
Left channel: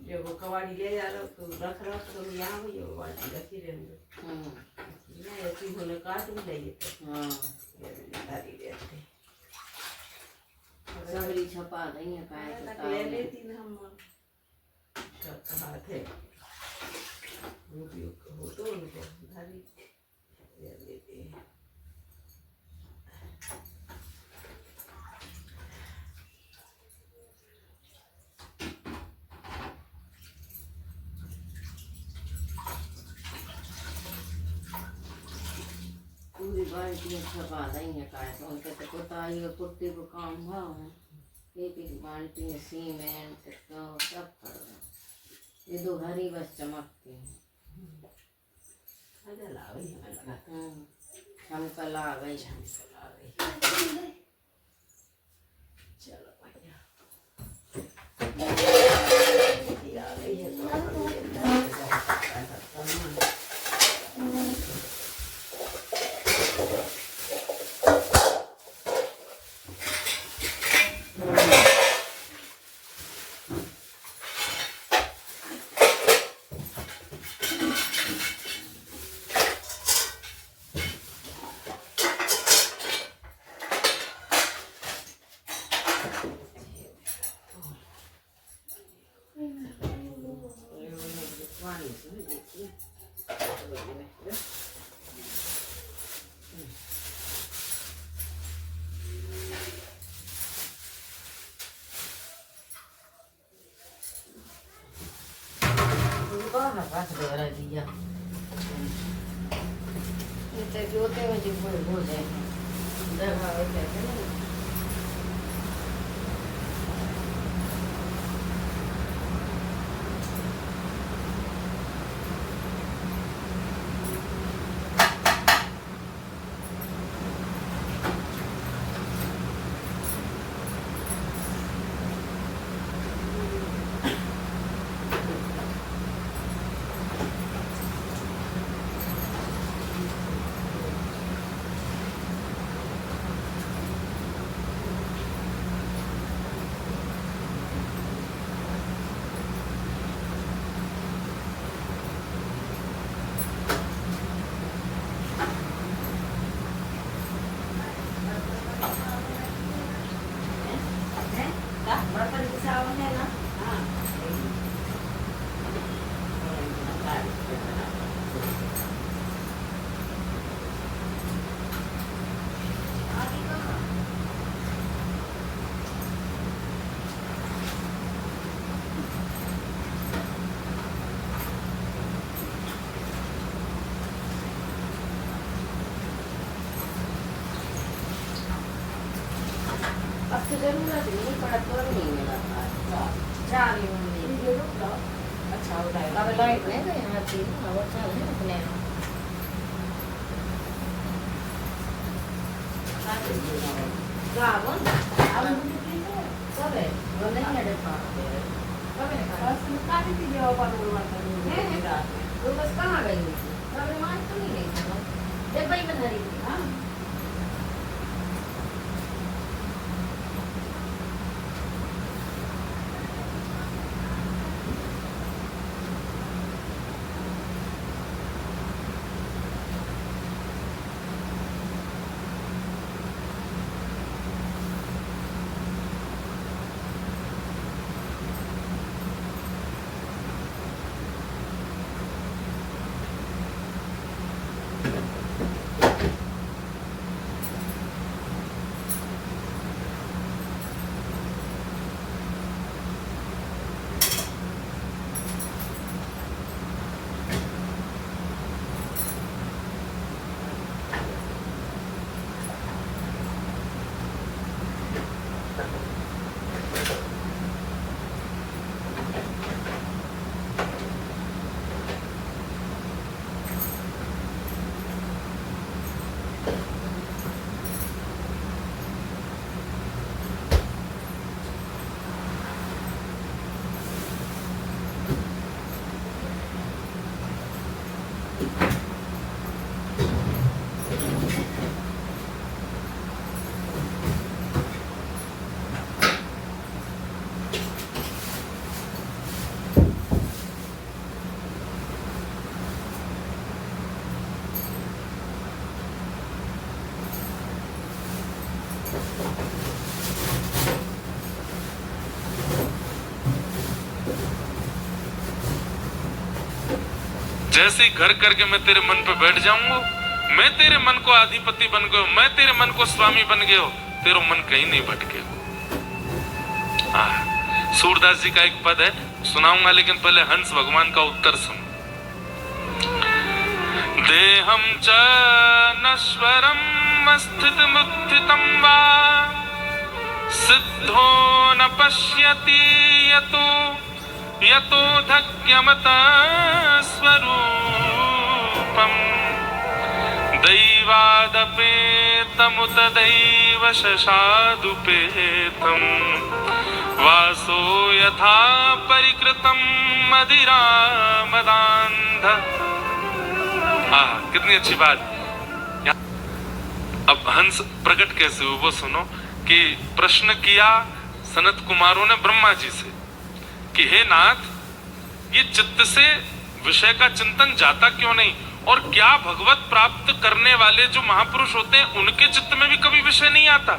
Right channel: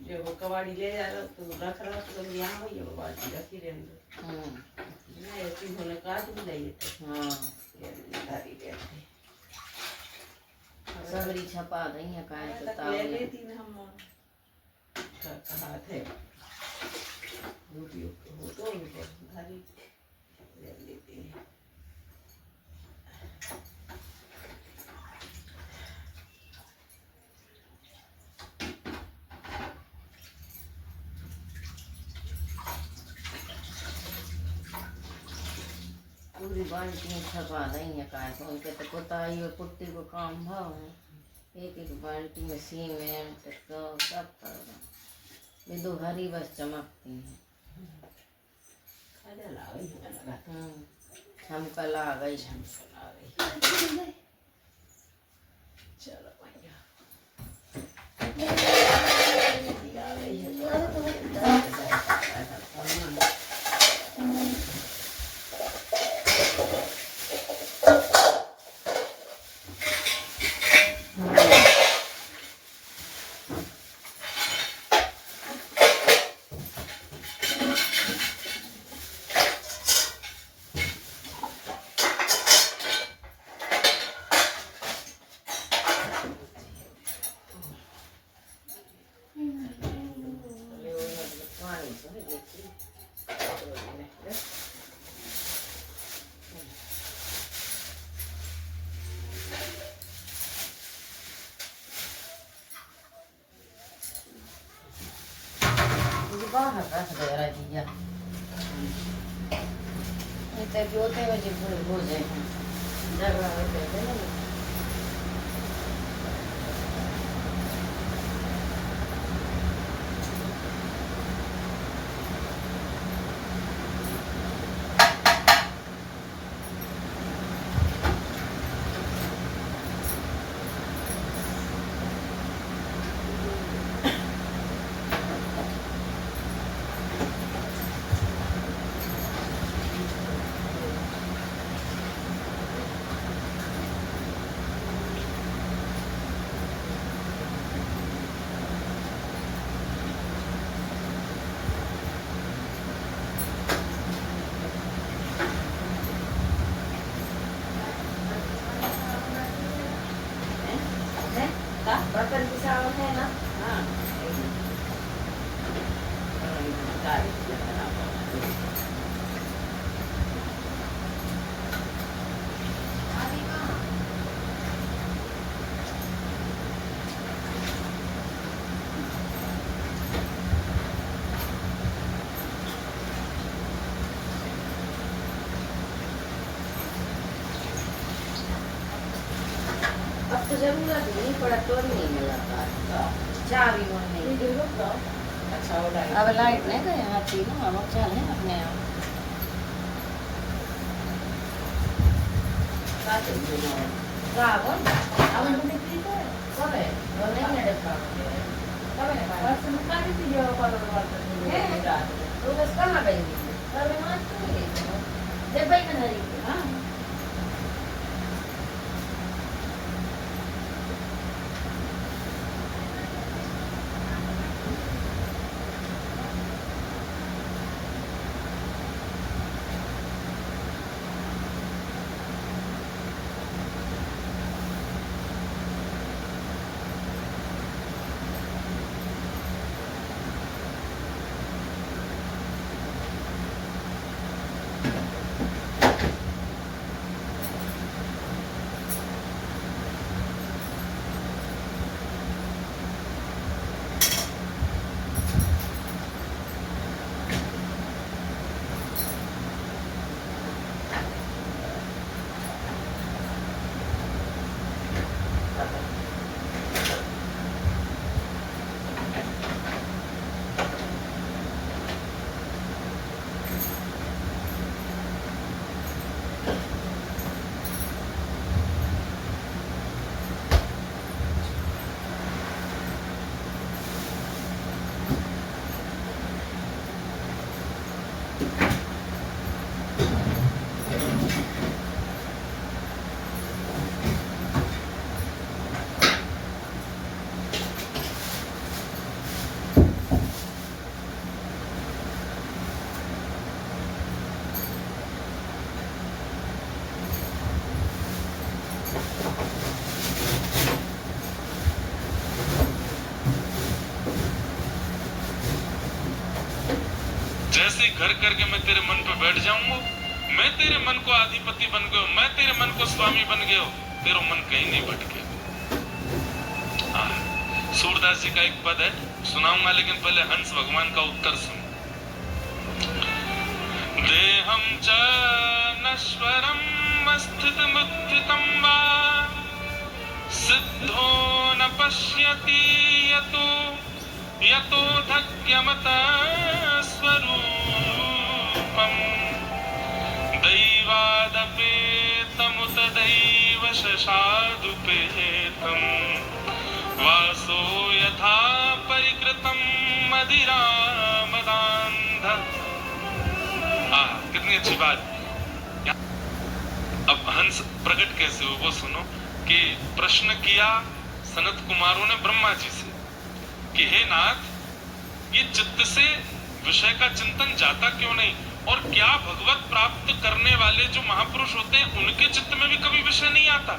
जब वो कबाड़ी ले जा रहा तो रख रहा तो यहाँ भैया वो बाल्टी रखी रहेंगे। ऐसी होने काट भी नहीं थे। हाँ धारी रहते सबरी छपा रही है काय तक ले लेती ना हम कहा थे रोटी हो तो उनको धारी ले लेते हैं। पूरी बाल्टी में छपा रही है काय तो उनके तो कुताई और कुट्टी को काम भाव है। एक एक बाल्टी में सीमेंट तो सब कर रहा। ये दो भरी बस चमकती है। छमकल आ गई चलो बाहर रख दे रहा दिया ते होते हुए जो हो जाए झगड़ा होते थे ना Bahkan pesawatnya lah. अब तो जरूरत नहीं पड़ा तो नहीं मिला चाबी नहीं अच्छा हो लाइट अब लाइट नहीं गए यहाँ थी ना अब चल है अपने आप गावन अब मुझे की है कब है वो नहीं है डब्बा कब है बस तुम काफी थी जो पर तो बस कहाँ गई थी कब वहाँ तो नहीं गई थी जब भाई बन रही थी हाँ जैसे ही घर करके मैं तेरे मन पे बैठ जाऊंगा, मैं तेरे मन को अधिपति बन गयो, मैं तेरे मन को स्वामी बन गयो, तेरा मन कहीं नहीं भटके। सूरदास जी का एक पद है, सुनाऊंगा, लेकिन पहले हंस भगवान का उत्तर सुन। देहम च नश्वरम स्थित मुत्थितम वा सिद्धो न पश्यति यतो यतो धक्यमत स्वरूपम दैवादपेतमुत दैव शशादुपेतम वासो यथा परिकृतम मदिरामदान्ध। कितनी अच्छी बात। अब हंस प्रकट कैसे हुए वो सुनो कि प्रश्न किया सनत कुमारों ने ब्रह्मा जी से कि हे नाथ, ये चित्त से विषय का चिंतन जाता क्यों नहीं, और क्या भगवत प्राप्त करने वाले जो महापुरुष होते हैं उनके चित्त में भी कभी विषय नहीं आता,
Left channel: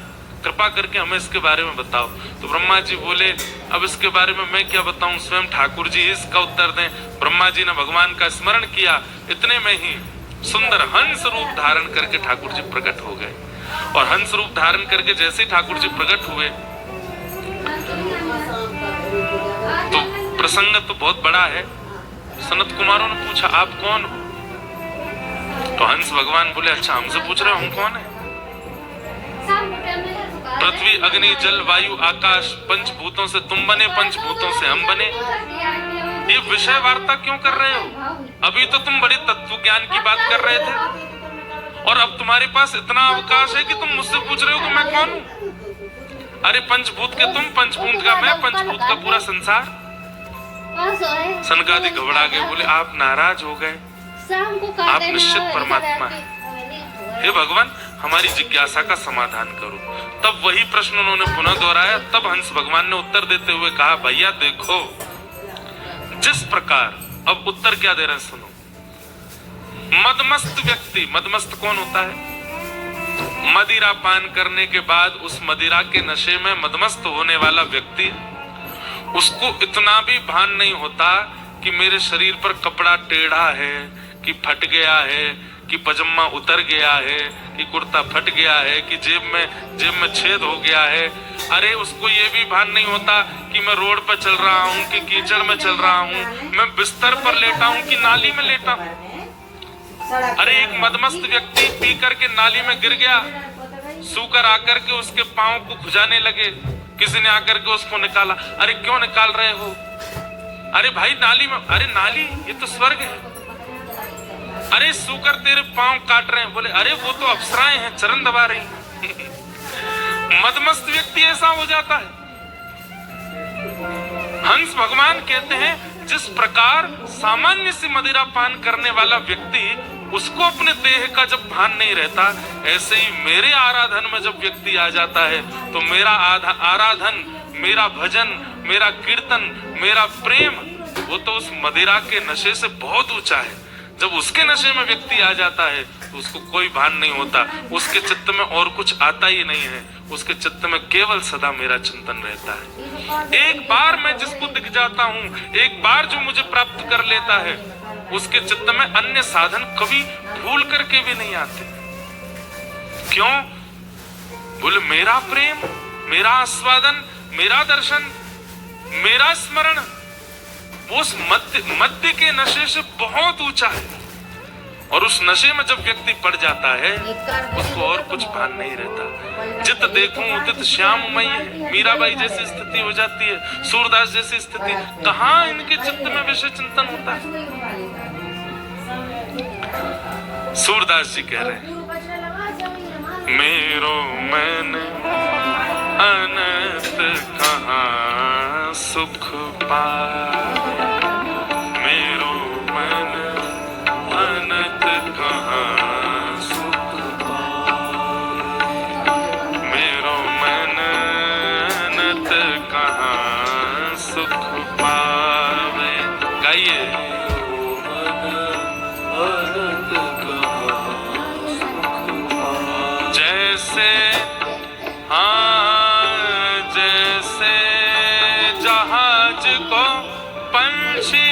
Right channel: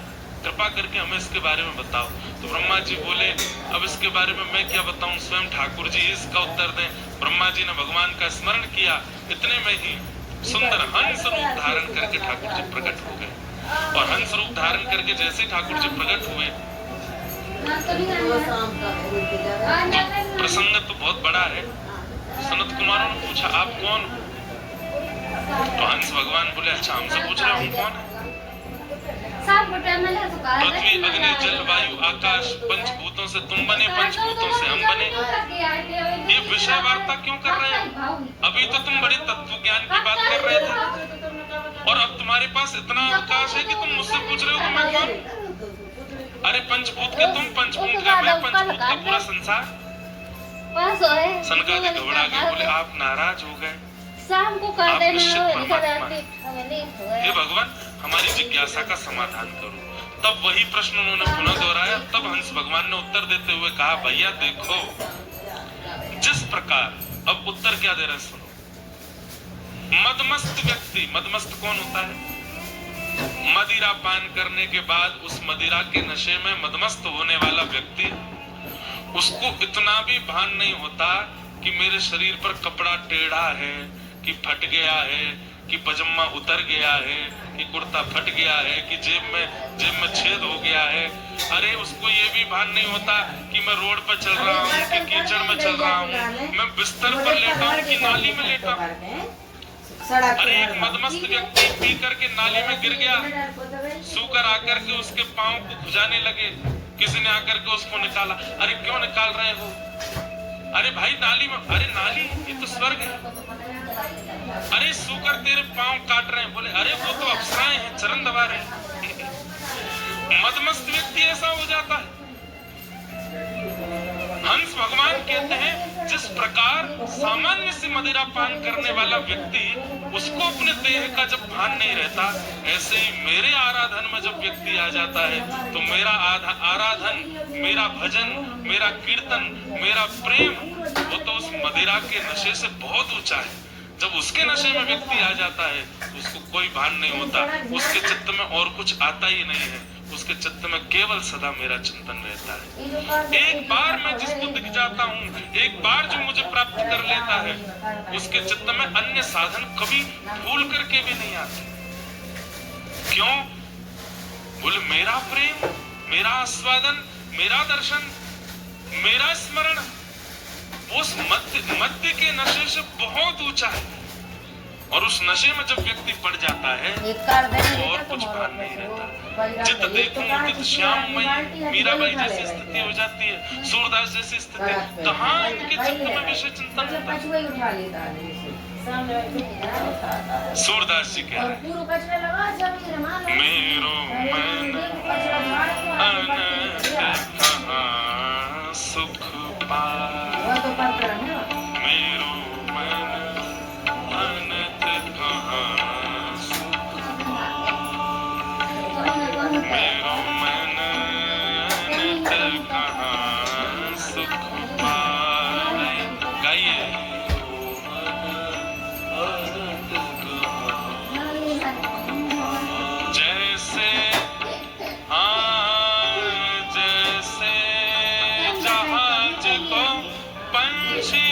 कृपा करके हमें इसके बारे में बताओ। तो ब्रह्मा जी बोले, अब इसके बारे में मैं क्या बताऊं, स्वयं ठाकुर जी इसका उत्तर दें। ब्रह्मा जी ने भगवान का स्मरण किया, इतने में ही सुंदर हंस रूप धारण करके ठाकुर जी प्रकट हो गए। और हंस रूप धारण करके जैसे ठाकुर जी प्रकट हुए तो प्रसंग तो बहुत बड़ा है। सनत कुमारों ने पूछा, आप कौन हो? तो हंस भगवान बोले अच्छा हमसे पूछ रहे हो हम कौन है? पृथ्वी अग्नि जल वायु आकाश पंचभूतों से तुम बने, पंचभूतों से हम बने। ये विषय वार्ता क्यों कर रहे हो? अभी तो तुम बड़े तत्व ज्ञान की बात कर रहे थे और अब तुम्हारे पास इतना अवकाश है कि तुम मुझसे पूछ रहे हो कि मैं कौन हूँ? अरे पंचभूत के तुम, पंचभूत का मैं, पंचभूत का पूरा संसार। सनकादिक घबरा गए, बोले आप नाराज हो गए, आप निश्चित परमात्मा हैं। हे भगवान हमारी जिज्ञासा का समाधान करो। तब वही प्रश्न उन्होंने पुनः दोहराया। तब हंस भगवान ने उत्तर देते हुए कहा भैया देखो, जिस प्रकार, अब उत्तर क्या दे रहे हैं सुनो। मदमस्त व्यक्ति, मदमस्त कौन होता है? मदिरा पान करने के बाद उस मदिरा के नशे में मदमस्त होने वाला व्यक्ति, उसको इतना भी भान नहीं होता कि मेरे शरीर पर कपड़ा टेढ़ा है, कि फट गया है, कि पजामा उतर गया है, कि कुर्ता फट गया है, कि जेब में छेद हो गया है। अरे उसको ये भी भान नहीं होता कि मैं रोड पर चल रहा हूँ, कि कीचड़ में चल रहा हूँ, मैं बिस्तर पर लेटा हूँ कि नाली में लेटा हूँ। अरे एक मदमस्त व्यक्ति पी करके नाली में गिर गया, सूकर आकर के उसके पांव को खुजाने लगे, किसी ने आकर के उसको निकाला। अरे क्यों निकाल रहे हो? अरे भाई नाली में, अरे नाली ये तो स्वर्ग है। अरे सूकर तेरे पांव काट रहे हैं। बोले अरे वो तो अप्सराएं हैं, चरण दबा रहे हैं। मदमस्त व्यक्ति ऐसा हो जाता है। हंस भगवान कहते हैं जिस प्रकार सामान्य से मदिरा पान करने वाला व्यक्ति, उसको अपने देह का जब भान नहीं रहता, ऐसे ही मेरे आराधन में जब व्यक्ति आ जाता है तो मेरा आराधन, मेरा भजन, मेरा कीर्तन, मेरा प्रेम, वो तो उस मदिरा के नशे से बहुत ऊंचा है। जब उसके नशे में व्यक्ति आ जाता है तो उसको कोई भान नहीं होता, उसके चित्त में और कुछ आता ही नहीं है, उसके चित्त में केवल सदा मेरा चिंतन रहता है। एक बार मैं जिसको दिख जाता हूँ, एक बार जो मुझे प्राप्त कर लेता है, उसके चित्त में अन्य साधन कभी भूल करके भी नहीं आते। क्यों? बोले मेरा प्रेम, मेरा आस्वादन, मेरा दर्शन, मेरा स्मरण उस मध्य के नशे से बहुत ऊंचा है। और उस नशे में जब व्यक्ति पड़ जाता है तो और कुछ भान नहीं रहता। जित देखूं उदित श्याम मई, मीराबाई जैसी स्थिति हो जाती है, सूरदास जैसी स्थिति। कहाँ इनके चित्त में विषय चिंतन होता है? सूरदास जी कह रहे हैं मेरो मन अनंत कहाँ सुख पाए, मेरो मन अनंत कहाँ सुख पाए, मेरो मन अनंत कहाँ सुख पाए। गाइए। जैसे हाँ जैसे जहाज को पंछी